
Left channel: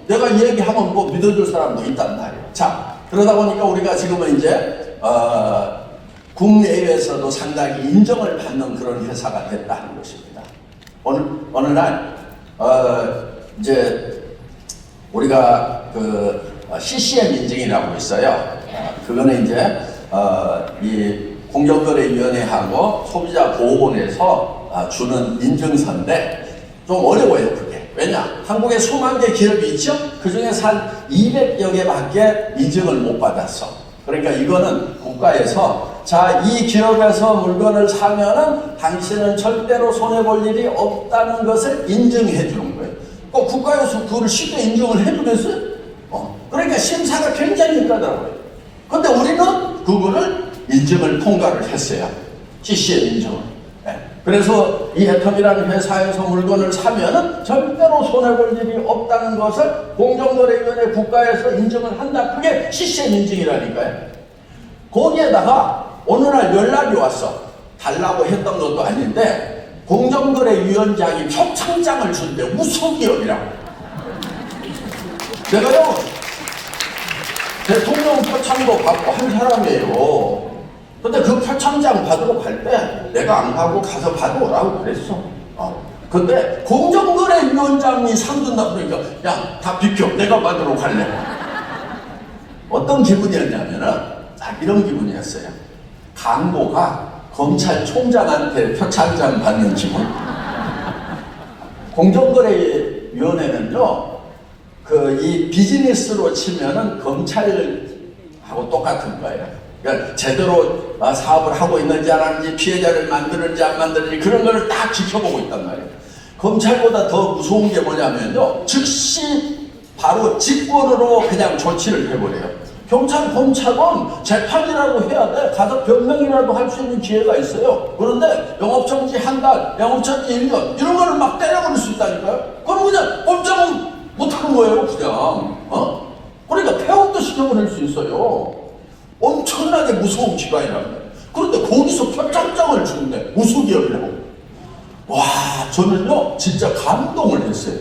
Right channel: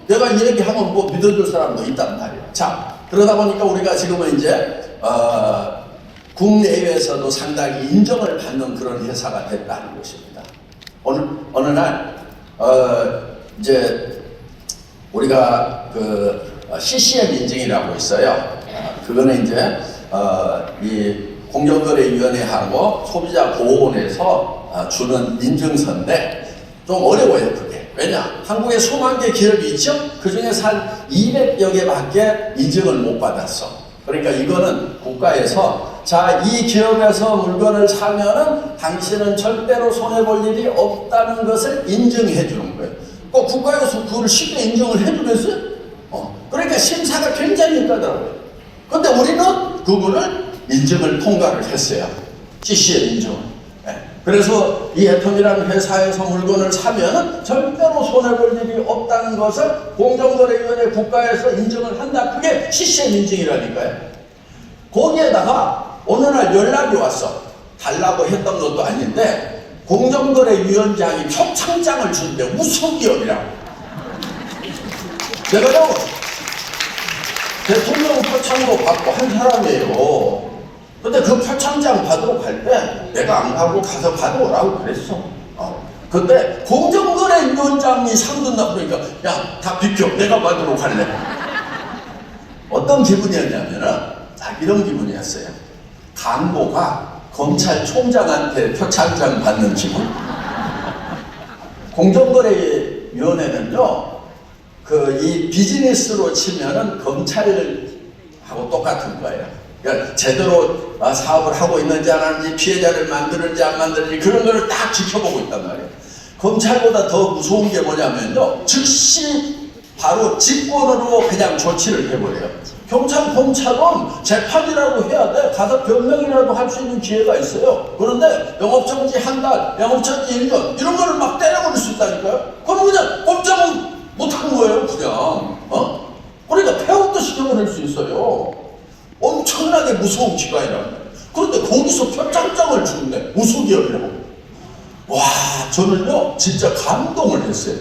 내가 얘기하면 뭐 믿어줄 사람도 있단 말이에요. 자, 그러다 보니까 우리가 지금은 이제 국내외에서도 상당히 인정을 받는 그런 회사가 됐다는 것입니다. 어느 날 이제 우리가 그 CCM 인증이라고 있어요. 그거는 이제 이 공정거래위원회하고 소비자보호원에서 주는 인증서인데 좀 어려워요 그게. 왜냐? 한국에 수만 개 기업이 있죠? 그 중에서 한 200여 개밖에 인증을 못 받았어. 그러니까 이거는 국가에서 자, 이 기업에서 물건을 사면은 당신은 절대로 손해볼 일이 없다는 것을 인증해 주는 거예요. 꼭 국가에서 그걸 쉽게 인증을 해주겠어요? 그러니까 심사가 굉장히 있다더라고요. 근데 우리는 그거를 인증을 통과를 했어요. CCM 인증. 그래서 이 애텀이라는 회사에서 물건을 사면은 절대로 손해볼 일이 없다는 것을 공정거래위원회 국가에서 인증을 한다. 그게 CCM 인증이라니까요. 거기에다가 어느 날 연락이 왔어. 달라고 했던 것도 아닌데 공정거래위원장이 표창장을 주는데 무슨 기업이라고. 내가요 대통령 표창도 받고 한 사람이에요. 근데 그 표창장 받으러 갈 때 내가 안 가고 가서 받아오라고 그랬어. 근데 공정거래위원장이 상 준다고 그러니까 야, 다 비켜. 내가 받으러 갈래. 어떤 기분이었냐면은 딱 이런 기분이었어요. 간부가 검찰총장한테 표창장 받는 기분. 공정거래위원회는요, 이 비즈니스로 치면은 검찰하고 똑같은 거예요. 그러니까 제대로 사업을 하고 있는지 안 하는지, 피해자를 만드는지 안 만드는지 그런 걸 딱 지켜보고 있단 말이에요. 검찰보다 더 무서운 게 뭐냐면요, 즉시 바로 직권으로 그냥 조치를 해버려요. 경찰, 검찰은 재판이라도 해야 돼. 가서 변명이라도 할 수 있는 기회가 있어요. 그런데 영업정지 한 달, 영업정지 1년 이런 거를 막 때려버릴 수 있다니까요. 그럼 그냥 꼼짝은 못하는 거예요, 그냥. 그러니까 폐업도 시켜버릴 수 있어요. 엄청나게 무서운 기관이라는 거예요. 그런데 거기서 표창장을 주는데 우수기업이라고. 와, 저는요 진짜 감동을 했어요.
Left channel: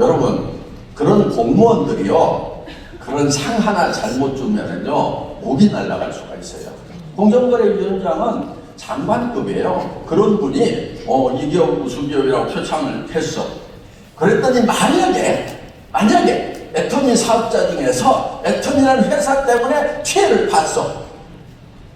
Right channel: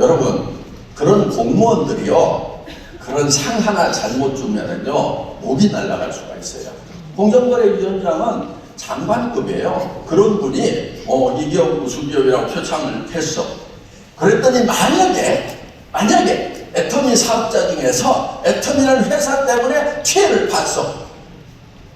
여러분, 그런 공무원들이요 그런 상 하나 잘못 주면은요 목이 날아갈 수가 있어요. 공정거래위원장은 장관급이에요. 그런 분이 이 기업 우수기업이라고 표창을 했어. 그랬더니 만약에 애터미 사업자 중에서 애터미라는 회사 때문에 피해를 봤어.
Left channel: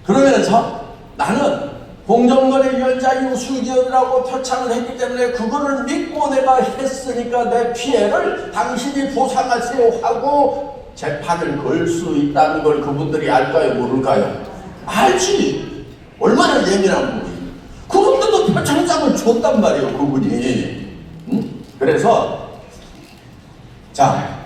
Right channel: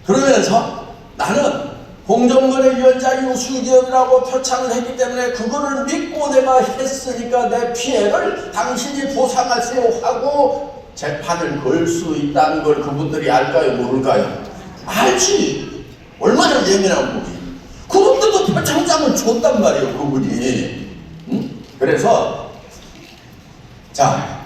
그러면서 나는 공정거래위원장이 우수기업이라고 표창을 했기 때문에 그거를 믿고 내가 했으니까 내 피해를 당신이 보상하세요 하고 재판을 걸 수 있다는 걸 그분들이 알까요, 모를까요? 알지. 얼마나 예민한 분이. 그런데도 표창장을 줬단 말이에요, 그분이. 그래서 자,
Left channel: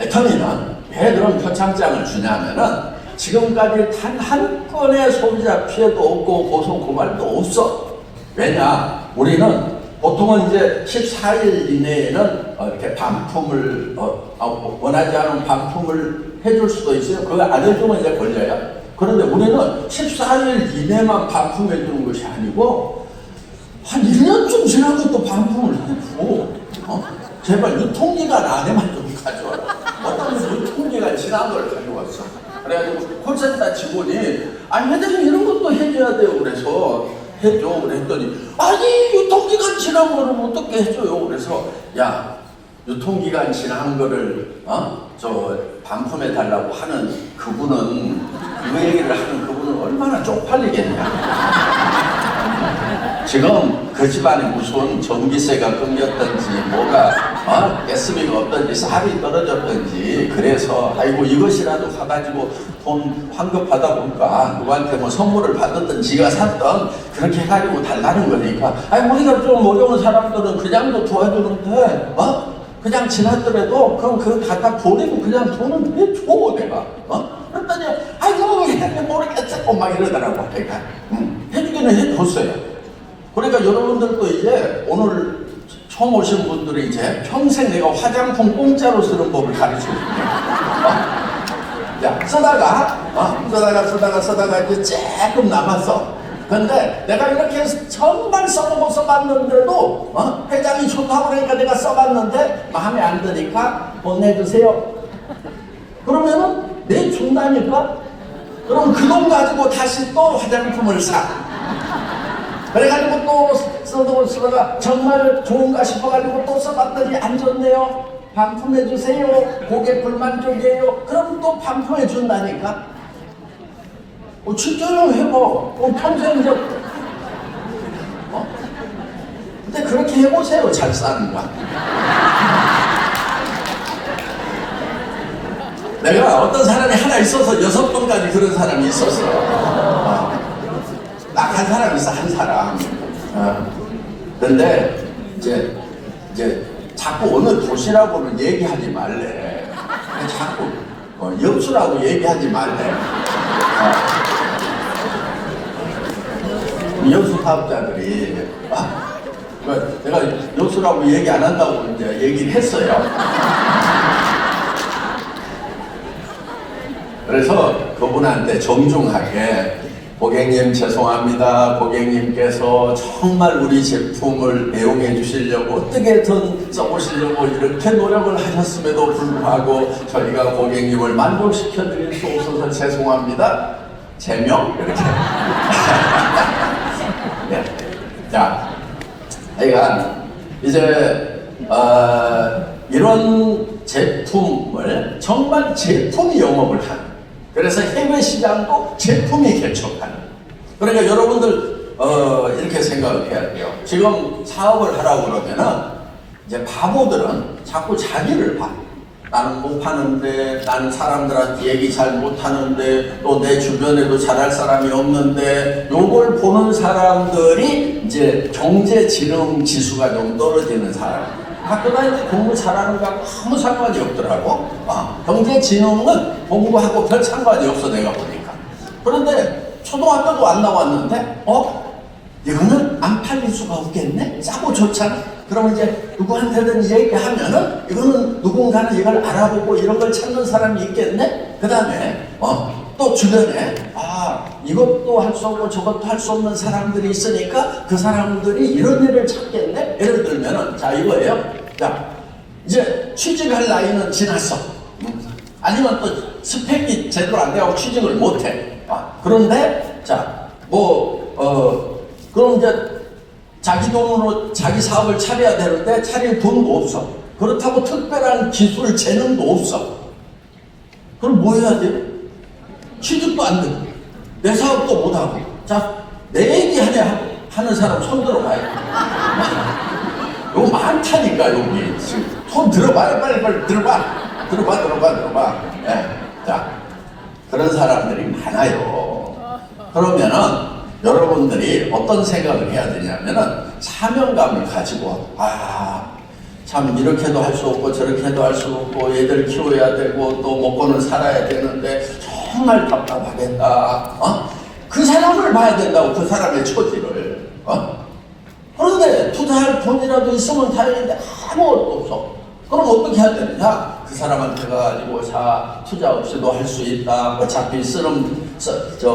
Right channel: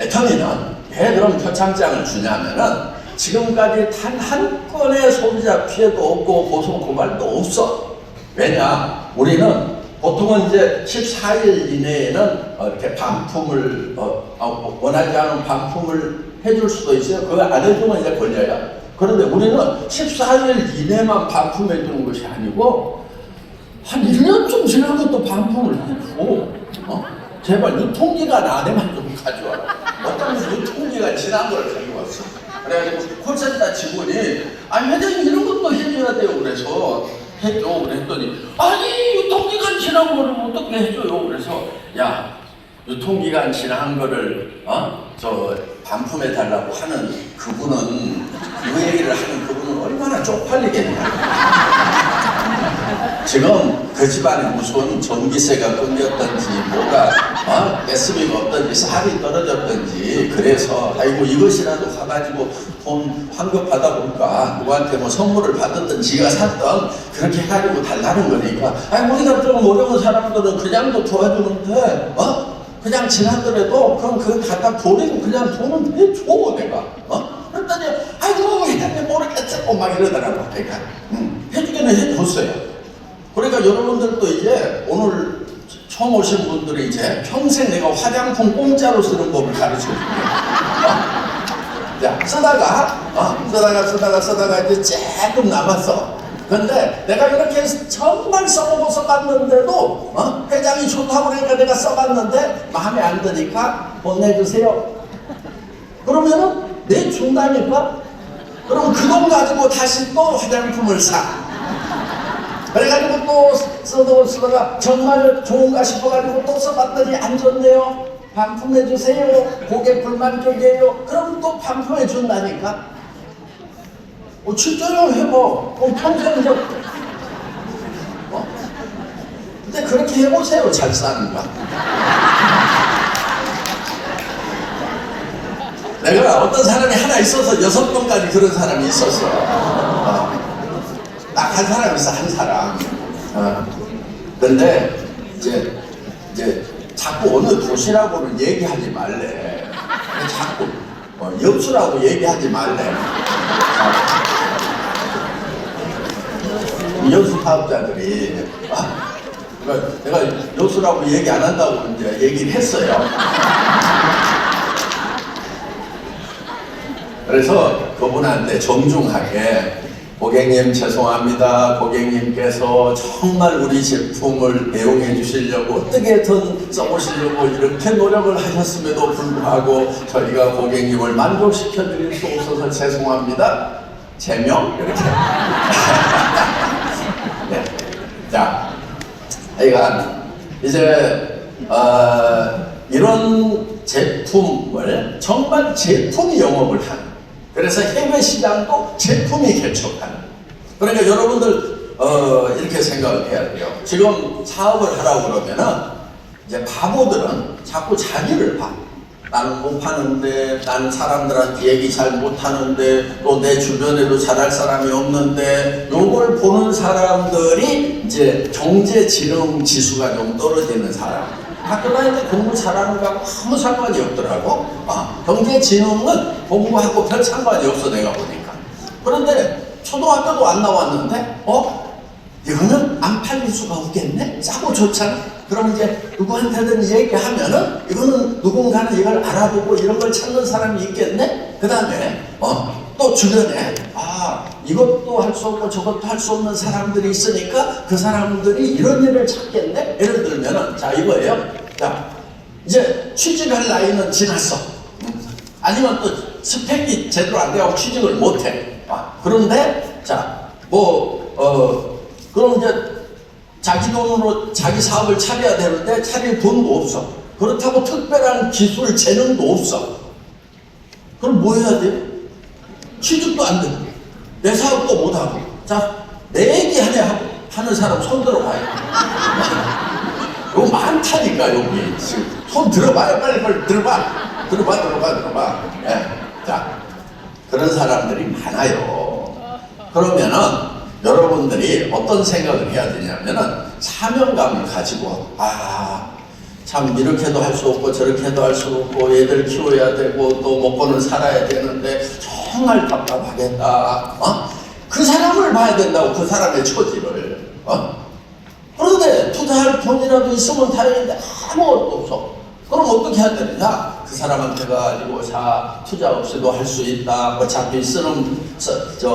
애터미는 왜 그런 표창장을 주냐면은 지금까지 단 한 건의 소비자 피해도 없고 고소 고발도 없어. 왜냐? 우리는 보통은 이제 14일 이내에는 이렇게 반품을 원하지 않은 반품을 해줄 수도 있어요. 그거 안 해주면 이제 걸려요. 그런데 우리는 14일 이내만 반품해 주는 것이 아니고 한 1년쯤 지난 것도 반품을 해주고 제발 유통기간 안에만 좀 가져와라. 어떤 유통기간 지난 걸 가져왔어. 그래가지고 콜센터 직원이 회장님 이런 것도 해줘야 돼요. 그래서 해줘. 그랬더니 아니 유통기간 지난 거를 어떻게 해줘요. 그래서 야 유통기간 지난 거를 저 반품해 달라고 하는 그분은 그 얘기를 하는 그분은 얼마나 쪽팔리겠냐. 지금 그 집안에 무슨 전기세가 끊겼던지 뭐가 가스비가 없던지 살이 떨어졌던지 그래서 아이고 이것이라도 사가지고 돈 환급하다 보니까 누구한테 뭐 선물을 받았던 지가 샀던 그렇게 해가지고 달라는 거니까 우리가 좀 어려운 사람들은 그냥도 도와주는데 그냥 지났더라도 그럼 그거 갖다 버리고 그냥 돈은 해줘 내가 그랬더니 아이고 회장님 모르겠어 막 이러더라고. 그러니까 해주기는 해줬어요. 그러니까 여러분들도 이제 오늘 처음 오신 분들이 이제 평생 내가 화장품 공짜로 쓰는 법을 가르쳐줄게요. 야, 쓰다가 이제 조금 남았어. 근데 내가 이렇게 정말 써보고 써봤는데도 회장이 좋다고 그러니까 내가 써봤는데 마음에 안 드니까 보내주세요. 그러면은 내 준다니까? 그럼 그 돈 가지고 다시 또 화장품을 사. 그래가지고 또 쓰다가 정말 좋은가 싶어가지고 또 써봤더니 안 좋네요. 반품해주세요. 고객 불만족이에요. 그럼 또 반품해준다니까. 진짜요? 해봐. 평생 이제 그렇게 해보세요. 잘 사는 거. 내가 어떤 사람이 하나 있어서 6번까지 그런 사람이 있었어. 딱 한 사람 있어, 한 사람. 근데 이제 자꾸 어느 도시라고는 얘기하지 말래. 자꾸 여수라고 얘기하지 말래. 여수 사업자들이 내가 여수라고 얘기 안 한다고 이제 얘기를 했어요. 그래서 그분한테 정중하게 고객님 죄송합니다. 고객님께서 정말 우리 제품을 애용해 주시려고 어떻게든 써보시려고 이렇게 노력을 하셨음에도 불구하고 저희가 고객님을 만족시켜 드릴 수 없어서 죄송합니다. 제명 이렇게. 네. 자, 그러니까 이제 이런 제품을 정말 제품이 영업을 하는. 그래서 해외 시장도 제품이 개척하는. 그러니까 여러분들 이렇게 생각을 해야 돼요. 지금 사업을 하라고 그러면은 이제 바보들은 자꾸 자기를 봐. 나는 못 파는데, 나는 사람들한테 얘기 잘 못하는데, 또 내 주변에도 잘할 사람이 없는데, 요걸 보는 사람들이 이제 경제지능 지수가 좀 떨어지는 사람. 학교 다닐 때 공부 잘하는 거하고 아무 상관이 없더라고. 경제지능은 공부하고 별 상관이 없어, 내가 보니까. 그런데 초등학교도 안 나왔는데 이거는 안 팔릴 수가 없겠네? 싸고 좋잖아? 그럼 이제 누구한테든 얘기하면은 이거는 누군가는 이걸 알아보고 이런 걸 찾는 사람이 있겠네? 그 다음에 또 주변에 이것도 할 수 없고 저것도 할 수 없는 사람들이 있으니까 그 사람들이 이런 일을 찾겠네? 예를 들면은 자 이거예요. 자 이제 취직할 나이는 지났어. 아니면 또 스펙이 제대로 안 돼가고 취직을 못해. 그런데 그럼 이제 자기 돈으로 자기 사업을 차려야 되는데 차릴 돈도 없어. 그렇다고 특별한 기술 재능도 없어. 그럼 뭐 해야 돼? 취직도 안 되고 내 사업도 못하고. 자, 내 얘기 하는 사람 손 들어봐요. 이거 많다니까. 여기 지금 손 들어봐요. 빨리 들어봐. 자, 그런 사람들이 많아요. 그러면은 여러분들이 어떤 생각을 해야 되냐면은 사명감을 가지고 참 이렇게도 할 수 없고 저렇게도 할 수 없고 애들 키워야 되고 또 먹고는 살아야 되는데 정말 답답하겠다. 그 사람을 봐야 된다고. 그 사람의 처지를. 그런데 투자할 돈이라도 있으면 다행인데 아무것도 없어. 그럼 어떻게 해야 되느냐? 그 사람한테 가지고 투자 없이도 할 수 있다. 어차피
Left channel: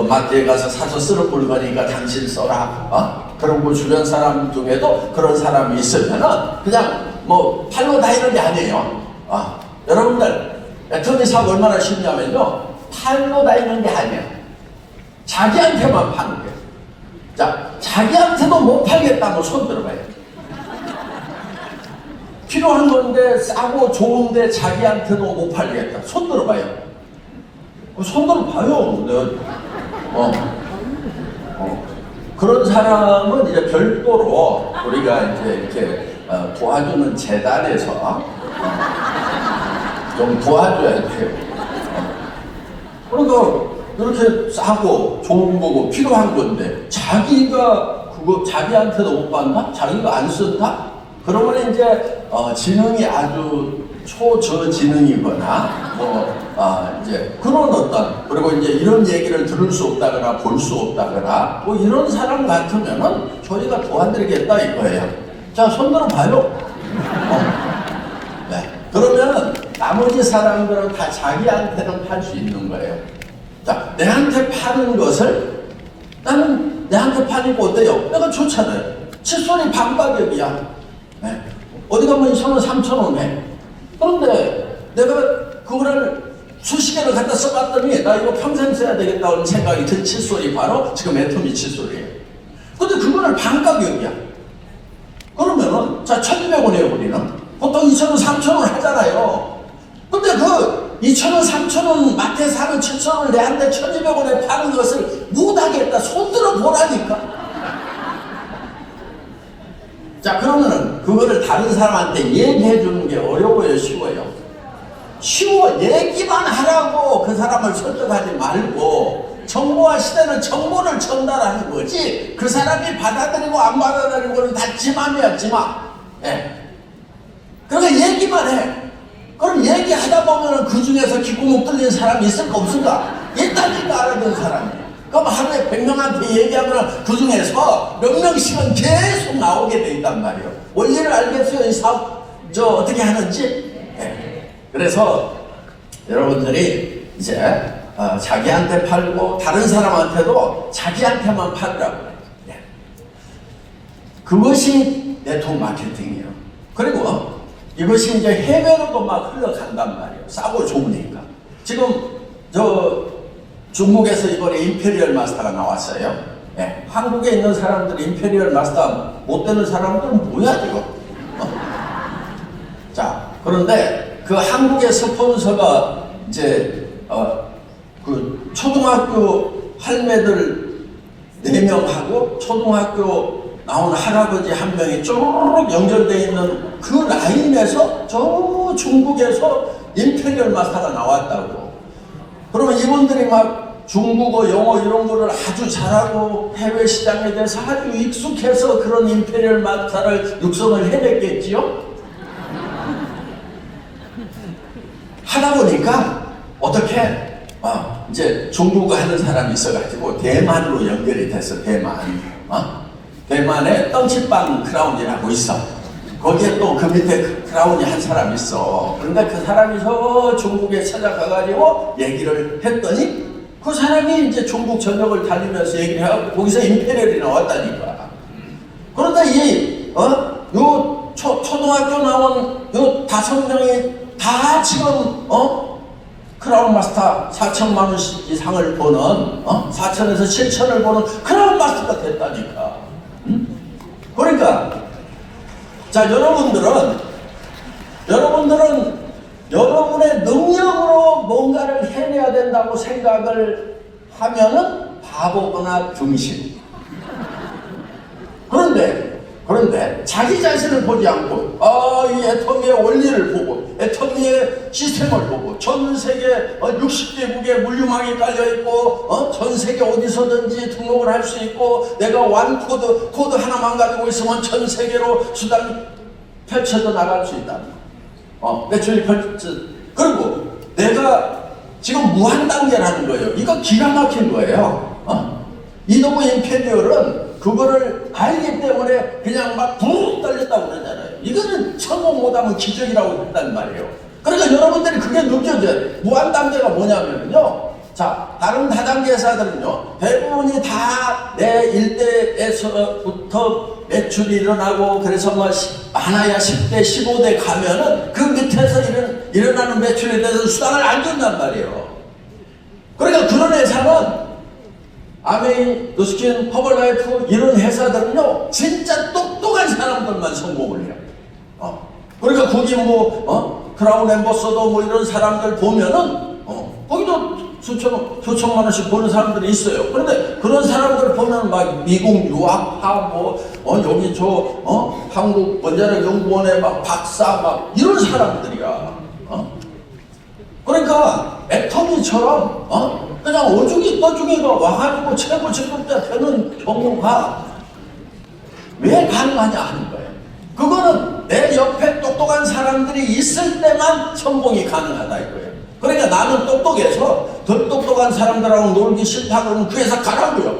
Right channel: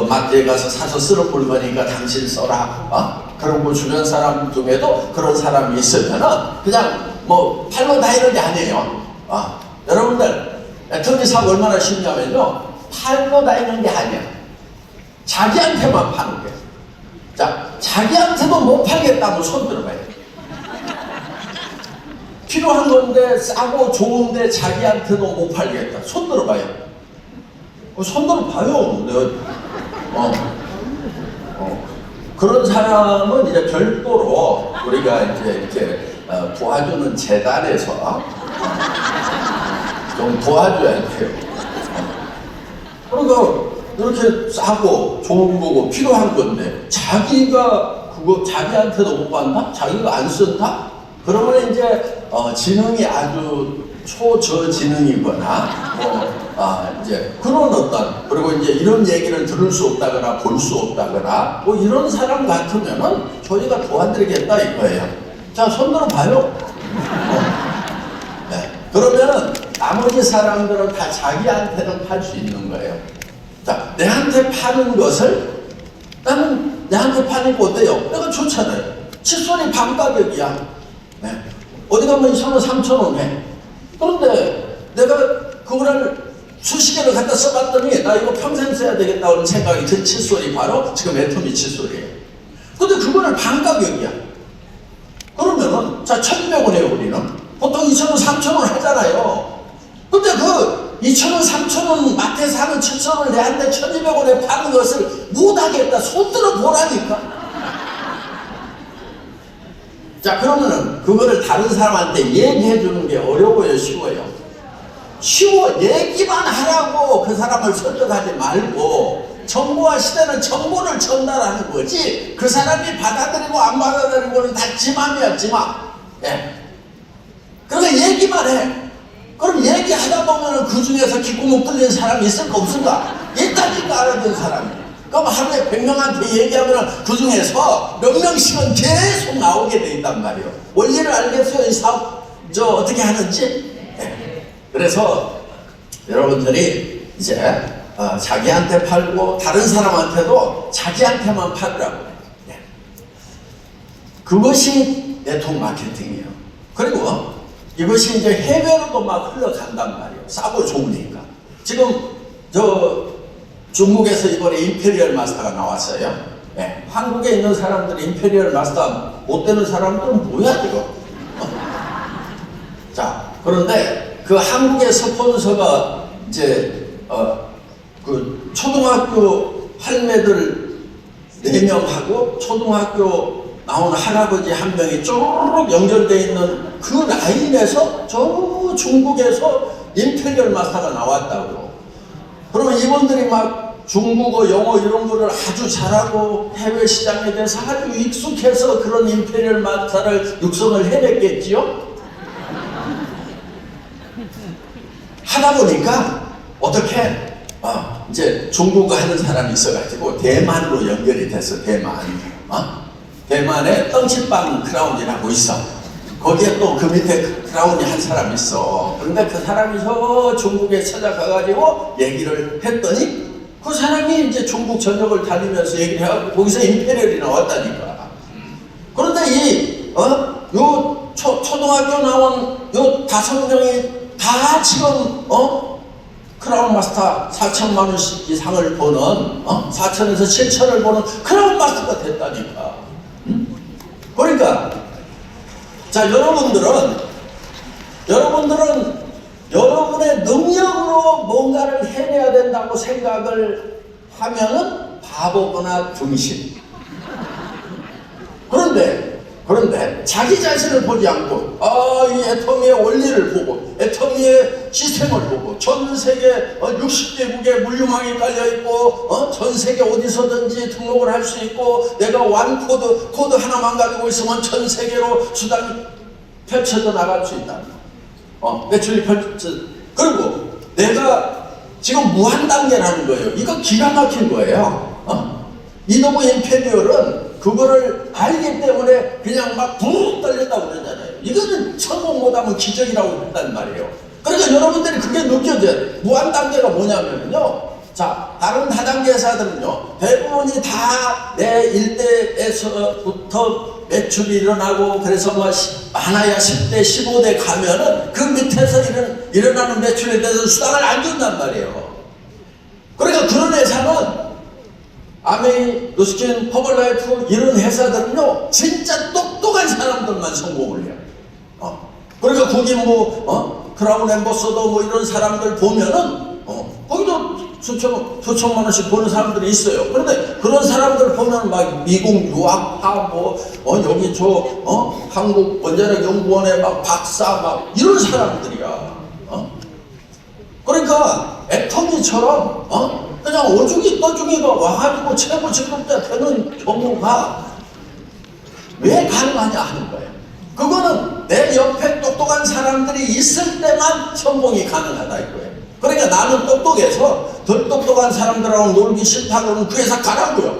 마트에 가서 사서 쓰는 물건이니까 당신 써라. 그런 주변 사람 중에도 그런 사람이 있으면은 그냥 팔로 다니는 게 아니에요. 여러분들 애터미 사업 얼마나 쉽냐면요, 팔로 다니는 게 아니야. 자기한테만 파는 거예요. 자, 자기한테도 못 팔겠다고 손 들어봐요. 필요한 건데 싸고 좋은데 자기한테도 못 팔겠다. 손 들어봐요. 손 들어봐요. 그런 사람은 이제 별도로 우리가 이제 도와주는 재단에서 좀 도와줘야 돼요. 그러니까 이렇게 싸고 좋은 거고 필요한 건데 자기가 그거 자기한테도 못 받나? 자기가 안 쓴다? 그러면 이제 지능이 아주 초저지능이거나 이제 그런 그리고 이제 이런 얘기를 들을 수 없다거나 볼 수 없다거나 이런 사람 같으면은 저희가 도와드리겠다 이거예요. 자, 손들어 봐요. 네. 그러면 나머지 사람들은 다 자기한테는 팔 수 있는 거예요. 자, 내한테 파는 것을 나는 내한테 파는 거 어때요? 내가 좋잖아요. 칫솔이 반가격이야. 네. 어디 가면 2,000원, 3,000원 해. 그런데 내가 그거를 수십 개를 갖다 써봤더니 나 이거 평생 써야 되겠다는 생각이 든 칫솔이 바로 지금 애터미 칫솔이에요. 근데 그거를 반가격이야. 그러면은 자 1,200원이에요. 우리는 보통 2,000원, 3,000원 하잖아요. 근데 그 2,000원, 3,000원 마트에 사는 칫솔을 내한테 1,200원에 파는 것을 못하겠다. 손들어 보라니까. 자, 그러면은 그거를 다른 사람한테 얘기해 주는 게 어려워요, 쉬워요? 쉬워. 얘기만 하라고. 그 사람을 설득하지 말고. 정보화 시대는 정보를 전달하는 거지. 그 사람이 받아들이고 안 받아들이는 거는 다 지맘이야, 지맘. 예. 그러니까 얘기만 해. 그럼 얘기하다 보면은 그 중에서 귓구멍 뚫린 사람이 있을까 없을까? 있다니까 알아듣는 사람이. 그럼 하루에 100명한테 얘기하면 그 중에서 몇 명씩은 계속 나오게 돼 있단 말이에요. 원리를 알겠어요? 이 사업 어떻게 하는지? 네. 그래서 여러분들이 이제 자기한테 팔고 다른 사람한테도 자기한테만 팔으라고. 네. 그것이 네트워크 마케팅이에요. 그리고 이것이 이제 해외로도 막 흘러간단 말이에요. 싸고 좋으니까. 지금 중국에서 이번에 임페리얼 마스터가 나왔어요. 네. 한국에 있는 사람들이 임페리얼 마스터 못 되는 사람들은 뭐야 지금? 자, 그런데 그 한국의 스폰서가 이제 그 초등학교 할매들 4명하고 초등학교 나온 할아버지 1명이 쭉 연결되어 있는 그 라인에서 저 중국에서 임페리얼 마스터가 나왔다고. 그러면 이분들이 막 중국어, 영어 이런 거를 아주 잘하고 해외 시장에 대해서 아주 익숙해서 그런 임페리얼 마스터를 육성을 해냈겠지요? 하다 보니까 어떻게 이제 중국어 하는 사람이 있어가지고 대만으로 연결이 됐어. 대만에 떡집빵 크라운이라고 있어. 거기에 또 그 밑에 크라운이 한 사람이 있어. 그런데 그 사람이 저 중국에 찾아가가지고 얘기를 했더니 그 사람이 이제 중국 전역을 다니면서 얘기를 하고 거기서 임페리얼이 나왔다니까. 그런데 요 초등학교 나온 요 5명이 다 지금 크라운 마스터 4천만 원씩 이상을 버는 4천에서 7천을 버는 크라운 마스터가 됐다니까. 그러니까 자, 여러분들은 여러분의 능력으로 뭔가를 해내야 된다고 생각을 하면은 바보거나 등신. 그런데 자기 자신을 보지 않고 이 애터미의 원리를 보고 애터미의 시스템을 보고 전 세계 60개국에 물류망이 깔려있고 전 세계 어디서든지 등록을 할 수 있고 내가 코드 하나만 가지고 있으면 전 세계로 수단이 펼쳐져 나갈 수 있다. 매출이 그리고 내가 지금 무한 단계라는 거예요. 이거 기가 막힌 거예요. 이노브 임페리얼은 그거를 알기 때문에 그냥 막 붕 떨렸다고 그러잖아요. 이거는 성공 못하면 기적이라고 했단 말이에요. 그러니까 여러분들이 그게 느껴져요. 무한 단계가 뭐냐면요. 자, 다른 다단계 회사들은요, 대부분이 다 내 일대에서부터 매출이 일어나고, 그래서 많아야 10대, 15대 가면은 그 밑에서 일어나는 매출에 대해서 수당을 안 준단 말이에요. 그러니까 그런 회사는 아메이, 노스킨, 허벌라이프 이런 회사들은요 진짜 똑똑한 사람들만 성공을 해요. 그러니까 거기 크라운 엠버서더 이런 사람들 보면은 거기도 수천만 원씩 버는 사람들이 있어요. 그런데 그런 사람들 보면 막 미국 유학파 여기 한국 원자력 연구원의 박사 이런 사람들이야. 그러니까 애터미처럼 그냥 어중이 떠중이가 와가지고 최고 직급자 되는 경우가 왜 가능하냐 하는 거예요. 그거는 내 옆에 똑똑한 사람들이 있을 때만 성공이 가능하다 이거예요. 그러니까 나는 똑똑해서 덜 똑똑한 사람들하고 놀기 싫다고는 그 회사 가라고요.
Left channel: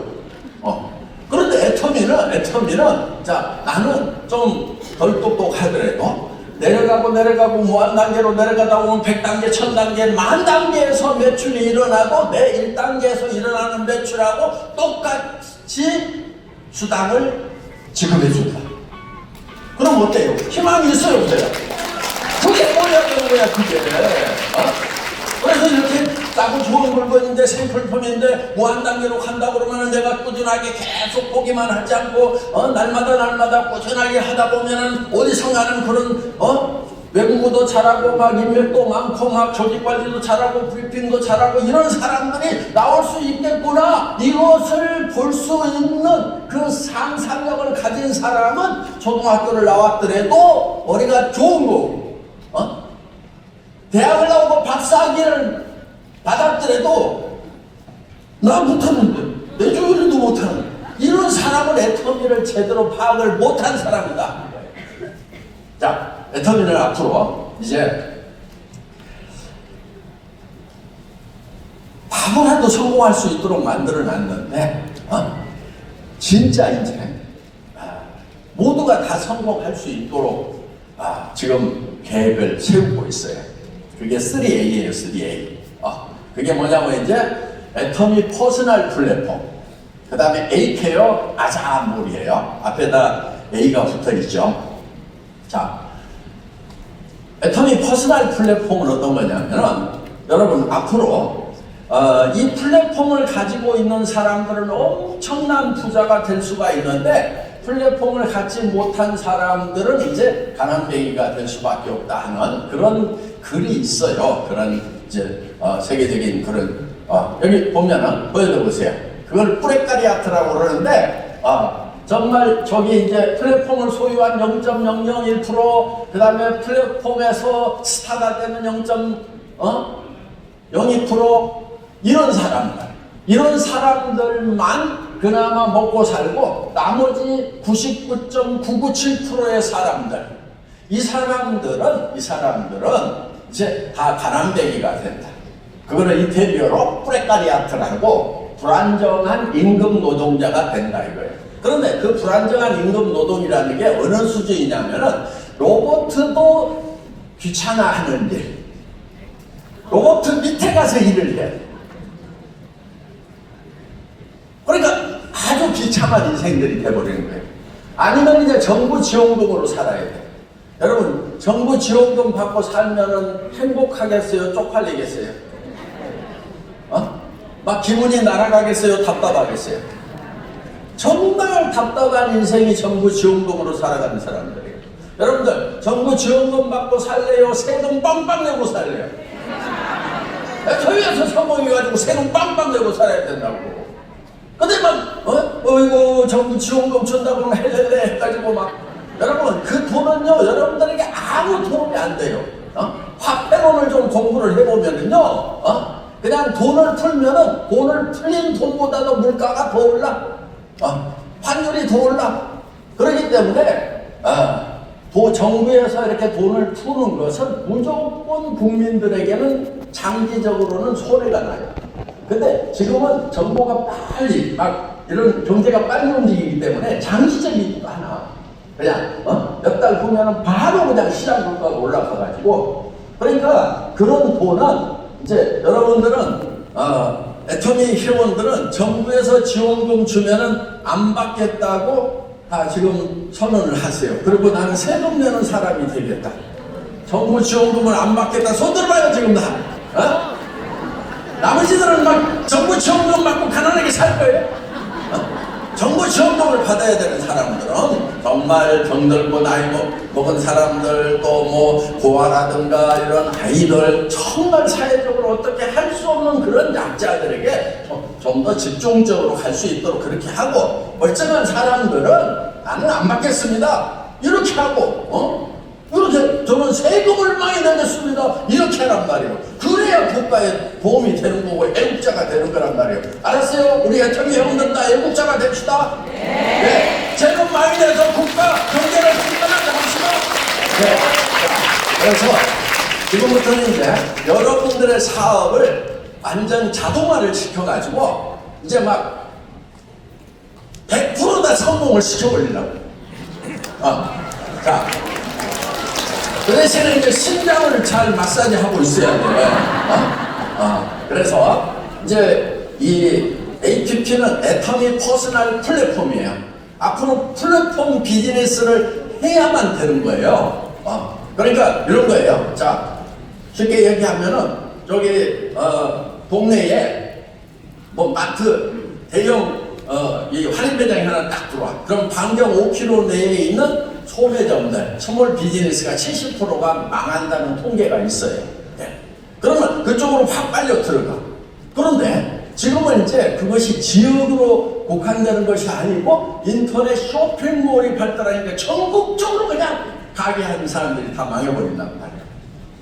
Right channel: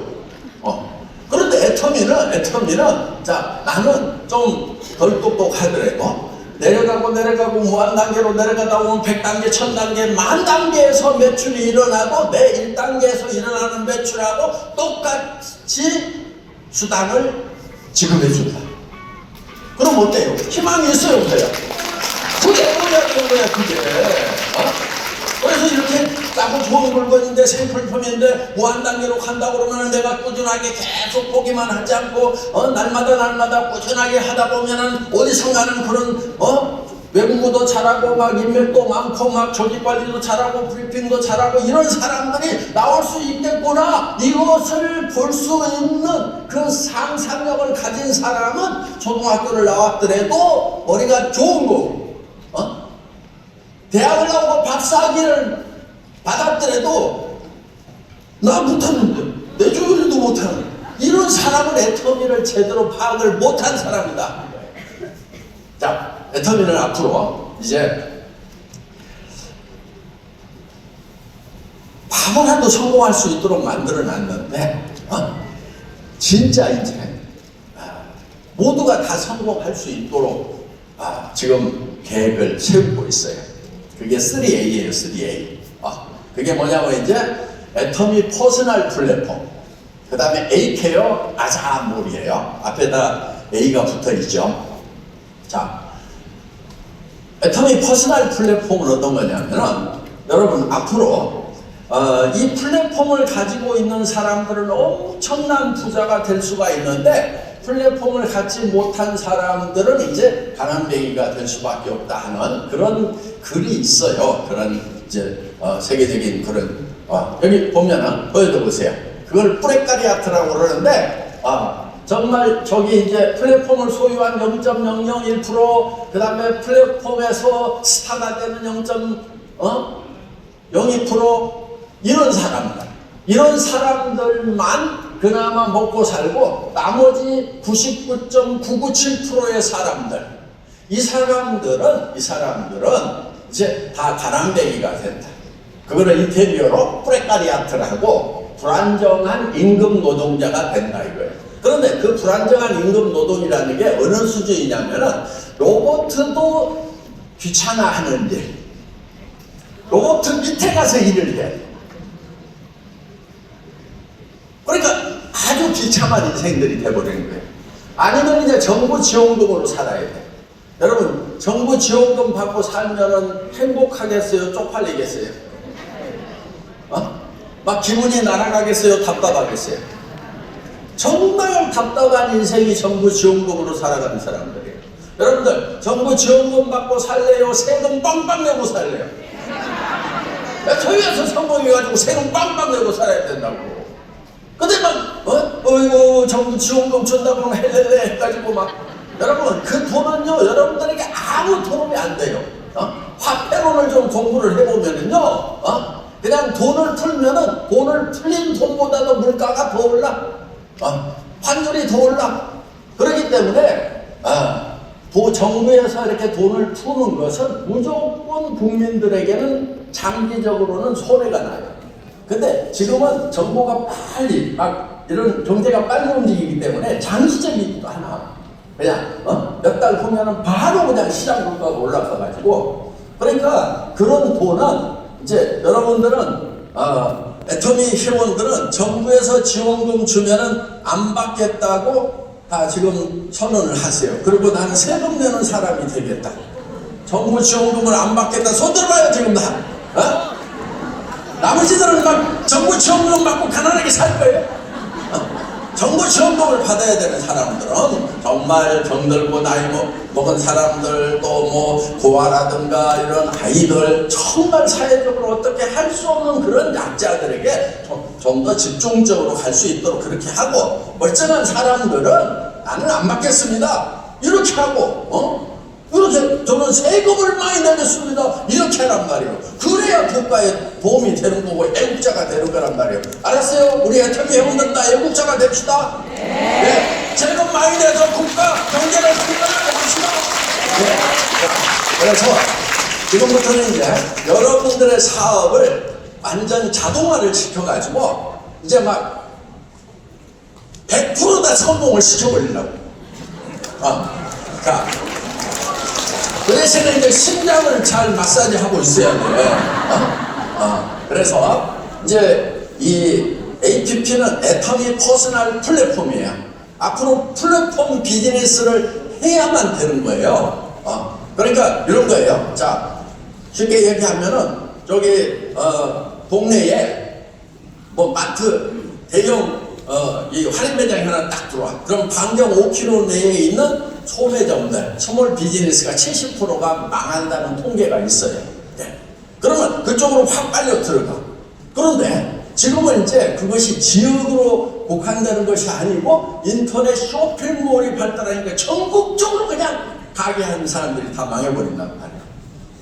그런데 애터미는 자, 나는 좀 덜 똑똑하더라도 내려가고 무한 단계로 내려가다 보면 100단계, 1000단계, 만 단계에서 매출이 일어나고 내 1단계에서 일어나는 매출하고 똑같이 수당을 지급해 준다. 그럼 어때요? 희망이 있어요, 그래. 그게 뭐야 되는 거야, 그게. 그래서 이렇게 나고 좋은 물건인데 생필품인데 무한 단계로 간다 그러면 내가 꾸준하게 계속 보기만 하지 않고 날마다 꾸준하게 하다 보면은 어디서 나는 그런 외국어도 잘하고 인맥도 많고 조직 관리도 잘하고 브리핑도 잘하고 이런 사람들이 나올 수 있겠구나. 이것을 볼 수 있는 그 상상력을 가진 사람은 초등학교를 나왔더라도 머리가 좋은 거고 대학을 나오고 박사학위를 받았더라도 나 못하는데 내 주변에도 못하는 이런 사람은 애터미를 제대로 파악을 못한 사람이다. 자, 애터미는 앞으로 이제 바보라도 성공할 수 있도록 만들어놨는데 진짜 이제 모두가 다 성공할 수 있도록 지금 계획을 세우고 있어요. 그게 3A예요, 3A. 그게 뭐냐면 이제 애터미 퍼스널 플랫폼, 그 다음에 A케어 아자몰이에요. 앞에다 A가 붙어있죠. 자, 애터미 퍼스널 플랫폼은 어떤 거냐면 여러분 앞으로 이 플랫폼을 가지고 있는 사람들은 엄청난 부자가 될 수가 있는데 플랫폼을 갖지 못한 사람들은 이제 가난뱅이가 될 수밖에 없다 하는 그런 글이 있어요. 그런 이제 세계적인 그런 여기 보면은 보여드보세요. 그걸 뿌레카리아트라고 그러는데 정말 저기 이제 플랫폼을 소유한 0.001%, 그 다음에 플랫폼에서 스타가 되는 0.02% 이런 사람들만 그나마 먹고 살고 나머지 99.997%의 사람들, 이 사람들은 이제 다 가랑배기가 된다. 그거는 이태리어로 프레카리아트라고 불안정한 임금 노동자가 된다 이거예요. 그런데 그 불안정한 임금 노동이라는 게 어느 수준이냐면은 로봇도 귀찮아하는 일, 로봇 밑에 가서 일을 해. 그러니까 아주 비참한 인생들이 돼버리는 거예요. 아니면 이제 정부 지원금으로 살아야 돼. 여러분, 정부 지원금 받고 살면은 행복하겠어요? 쪽팔리겠어요? 막 기분이 날아가겠어요? 답답하겠어요? 정말 답답한 인생이 정부 지원금으로 살아가는 사람들이에요. 여러분들, 정부 지원금 받고 살래요? 세금 빵빵 내고 살래요? 교회에서 성공해가지고 세금 빵빵 내고 살아야 된다고. 근데 이거 정부 지원금 준다고 그러면 헬렐레 해가지고 여러분, 그 돈은요, 여러분들에게 아무 도움이 안 돼요. 화폐론을 좀 공부를 해보면은요, 그냥 돈을 풀면은 돈을 풀린 돈보다도 물가가 더 올라. 환율이 더 올라. 그렇기 때문에, 정부에서 이렇게 돈을 푸는 것은 무조건 국민들에게는 장기적으로는 손해가 나요. 근데 지금은 정부가 빨리 이런 경제가 빨리 움직이기 때문에 장기적이지도 않아. 그냥 몇 달 후면은 바로 그냥 시장 물가가 올라가가지고, 그러니까 그런 돈은 이제 여러분들은 애터미 회원들은 정부에서 지원금 주면은 안 받겠다고 다 지금 선언을 하세요. 그리고 나는 세금 내는 사람이 되겠다. 정부 지원금을 안 받겠다. 손 들어봐요 지금 다. 나머지들은 막 정부 지원금 받고 가난하게 살 거예요. 정부 지원금을 받아야 되는 사람들은 정말 병들고 나이 먹은 사람들, 또 고아라든가 이런 아이들, 정말 사회적으로 어떻게 할 수 없는 그런 약자들에게 좀 더 집중적으로 갈 수 있도록 그렇게 하고, 멀쩡한 사람들은 나는 안 받겠습니다 이렇게 하고, 이렇게 저는 세금을 많이 내겠습니다 이렇게 하란 말이에요. 그래야 국가에 도움이 되는 거고 애국자가 되는 거란 말이에요. 알았어요? 우리 애터미 여러분들 다 애국자가 됩시다. 네. 세금 많이 내서 국가 경제를 국가가 됩시다. 네. 그래서 지금부터는 이제 여러분들의 사업을 완전 자동화를 시켜가지고 이제 막 100% 다 성공을 시켜버리려고. 자, 그 대신에 이제 심장을 잘 마사지 하고 있어야 돼요. 그래서 이제 이 APP는 애터미 퍼스널 플랫폼이에요. 앞으로 플랫폼 비즈니스를 해야만 되는 거예요. 그러니까 이런 거예요. 자, 쉽게 얘기하면은 저기 동네에 마트 대형 이 할인 매장이 하나 딱 들어와. 그럼 반경 5km 내에 있는 소매점들, 스몰 비즈니스가 70%가 망한다는 통계가 있어요. 네. 그러면 그쪽으로 확 빨려 들어가. 그런데 지금은 이제 그것이 지역으로 국한되는 것이 아니고 인터넷 쇼핑몰이 발달하니까 전국적으로 그냥 가게 하는 사람들이 다 망해버린단 말이에요.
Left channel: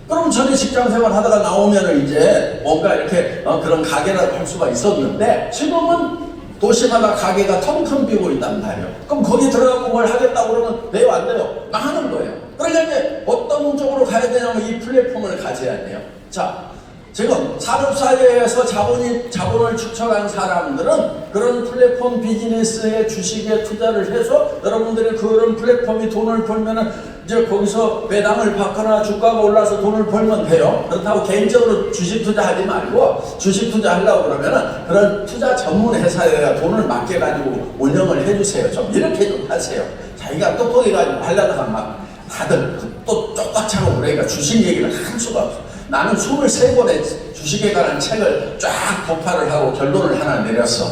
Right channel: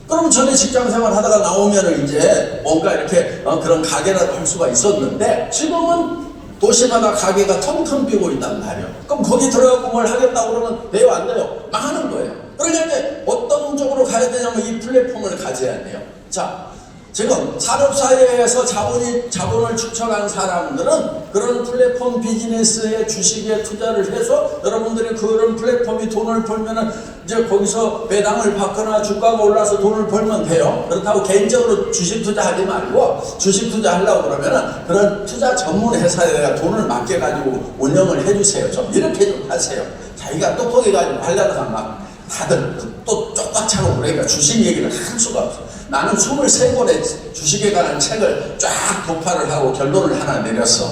그럼 전에 직장 생활 하다가 나오면은 이제 뭔가 이렇게 그런 가게를 할 수가 있었는데, 지금은 도시마다 가게가 텅텅 비고 있단 말이에요. 그럼 거기 들어가고 뭘 하겠다고 그러면 돼요, 안 돼요? 망하는 거예요. 그러니까 어떤 쪽으로 가야 되냐면 이 플랫폼을 가져야 돼요. 자, 지금 산업사회에서 자본을 축적한 사람들은 그런 플랫폼 비즈니스에 주식에 투자를 해서 여러분들이 그런 플랫폼이 돈을 벌면은 이제 거기서 배당을 받거나 주가가 올라서 돈을 벌면 돼요. 그렇다고 개인적으로 주식 투자하지 말고, 주식 투자하려고 그러면은 그런 투자 전문 회사에 돈을 맡겨가지고 운영을 해주세요. 좀 이렇게 좀 하세요. 자기가 똑똑해가지고 하려다가 막 다들 또 쫓아차고 그러니까 주식 얘기를 할 수가 없어. 나는 23권의 주식에 관한 책을 쫙 독파를 하고 결론을 하나 내렸어.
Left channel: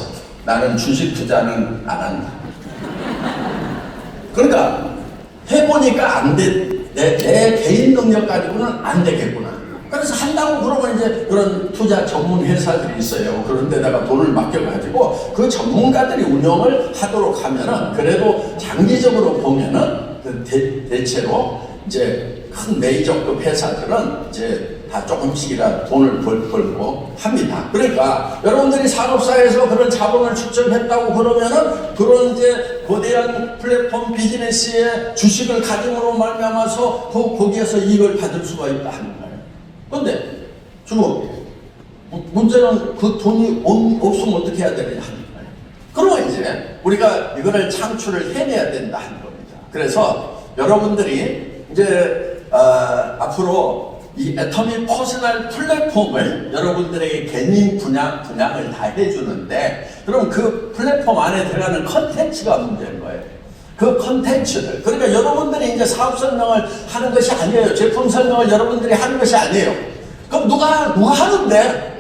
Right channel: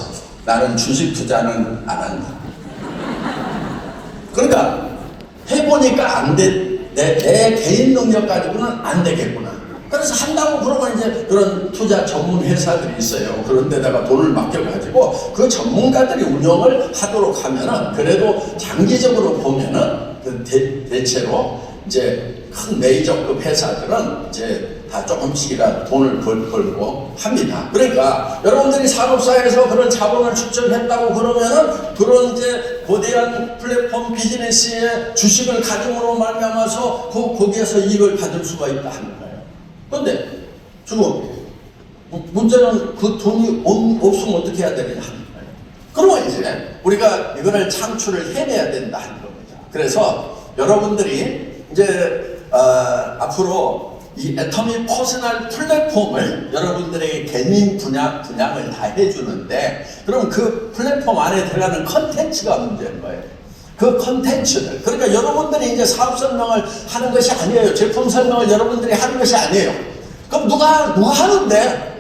나는 주식 투자는 안 한다. 그러니까 해보니까 안 돼. 내 개인 능력 가지고는 안 되겠구나. 그래서 한다고 그러면 이제 그런 투자 전문 회사들이 있어요. 그런 데다가 돈을 맡겨가지고 그 전문가들이 운영을 하도록 하면은, 그래도 장기적으로 보면은 그 대체로 이제 큰 메이저급 회사들은 이제 다 조금씩이라도 돈을 벌고 합니다. 그러니까 여러분들이 산업사회에서 그런 자본을 축적했다고 그러면은 그런 이제 거대한 플랫폼 비즈니스의 주식을 가짐으로 말미암아서 거기에서 이익을 받을 수가 있다 하는 거예요. 근데 주고 문제는 그 돈이 없으면 어떻게 해야 되느냐 하는 거예요. 그러면 이제 우리가 이거를 창출을 해내야 된다 하는 겁니다. 그래서 여러분들이 이제 앞으로 이 애터미 퍼스널 플랫폼을 여러분들에게 개인 분양을 다 해주는데, 그럼 그 플랫폼 안에 들어가는 컨텐츠가 문제인 거예요. 그 컨텐츠들. 그러니까 여러분들이 이제 사업 설명을 하는 것이 아니에요. 제품 설명을 여러분들이 하는 것이 아니에요. 그럼 누가 하는데?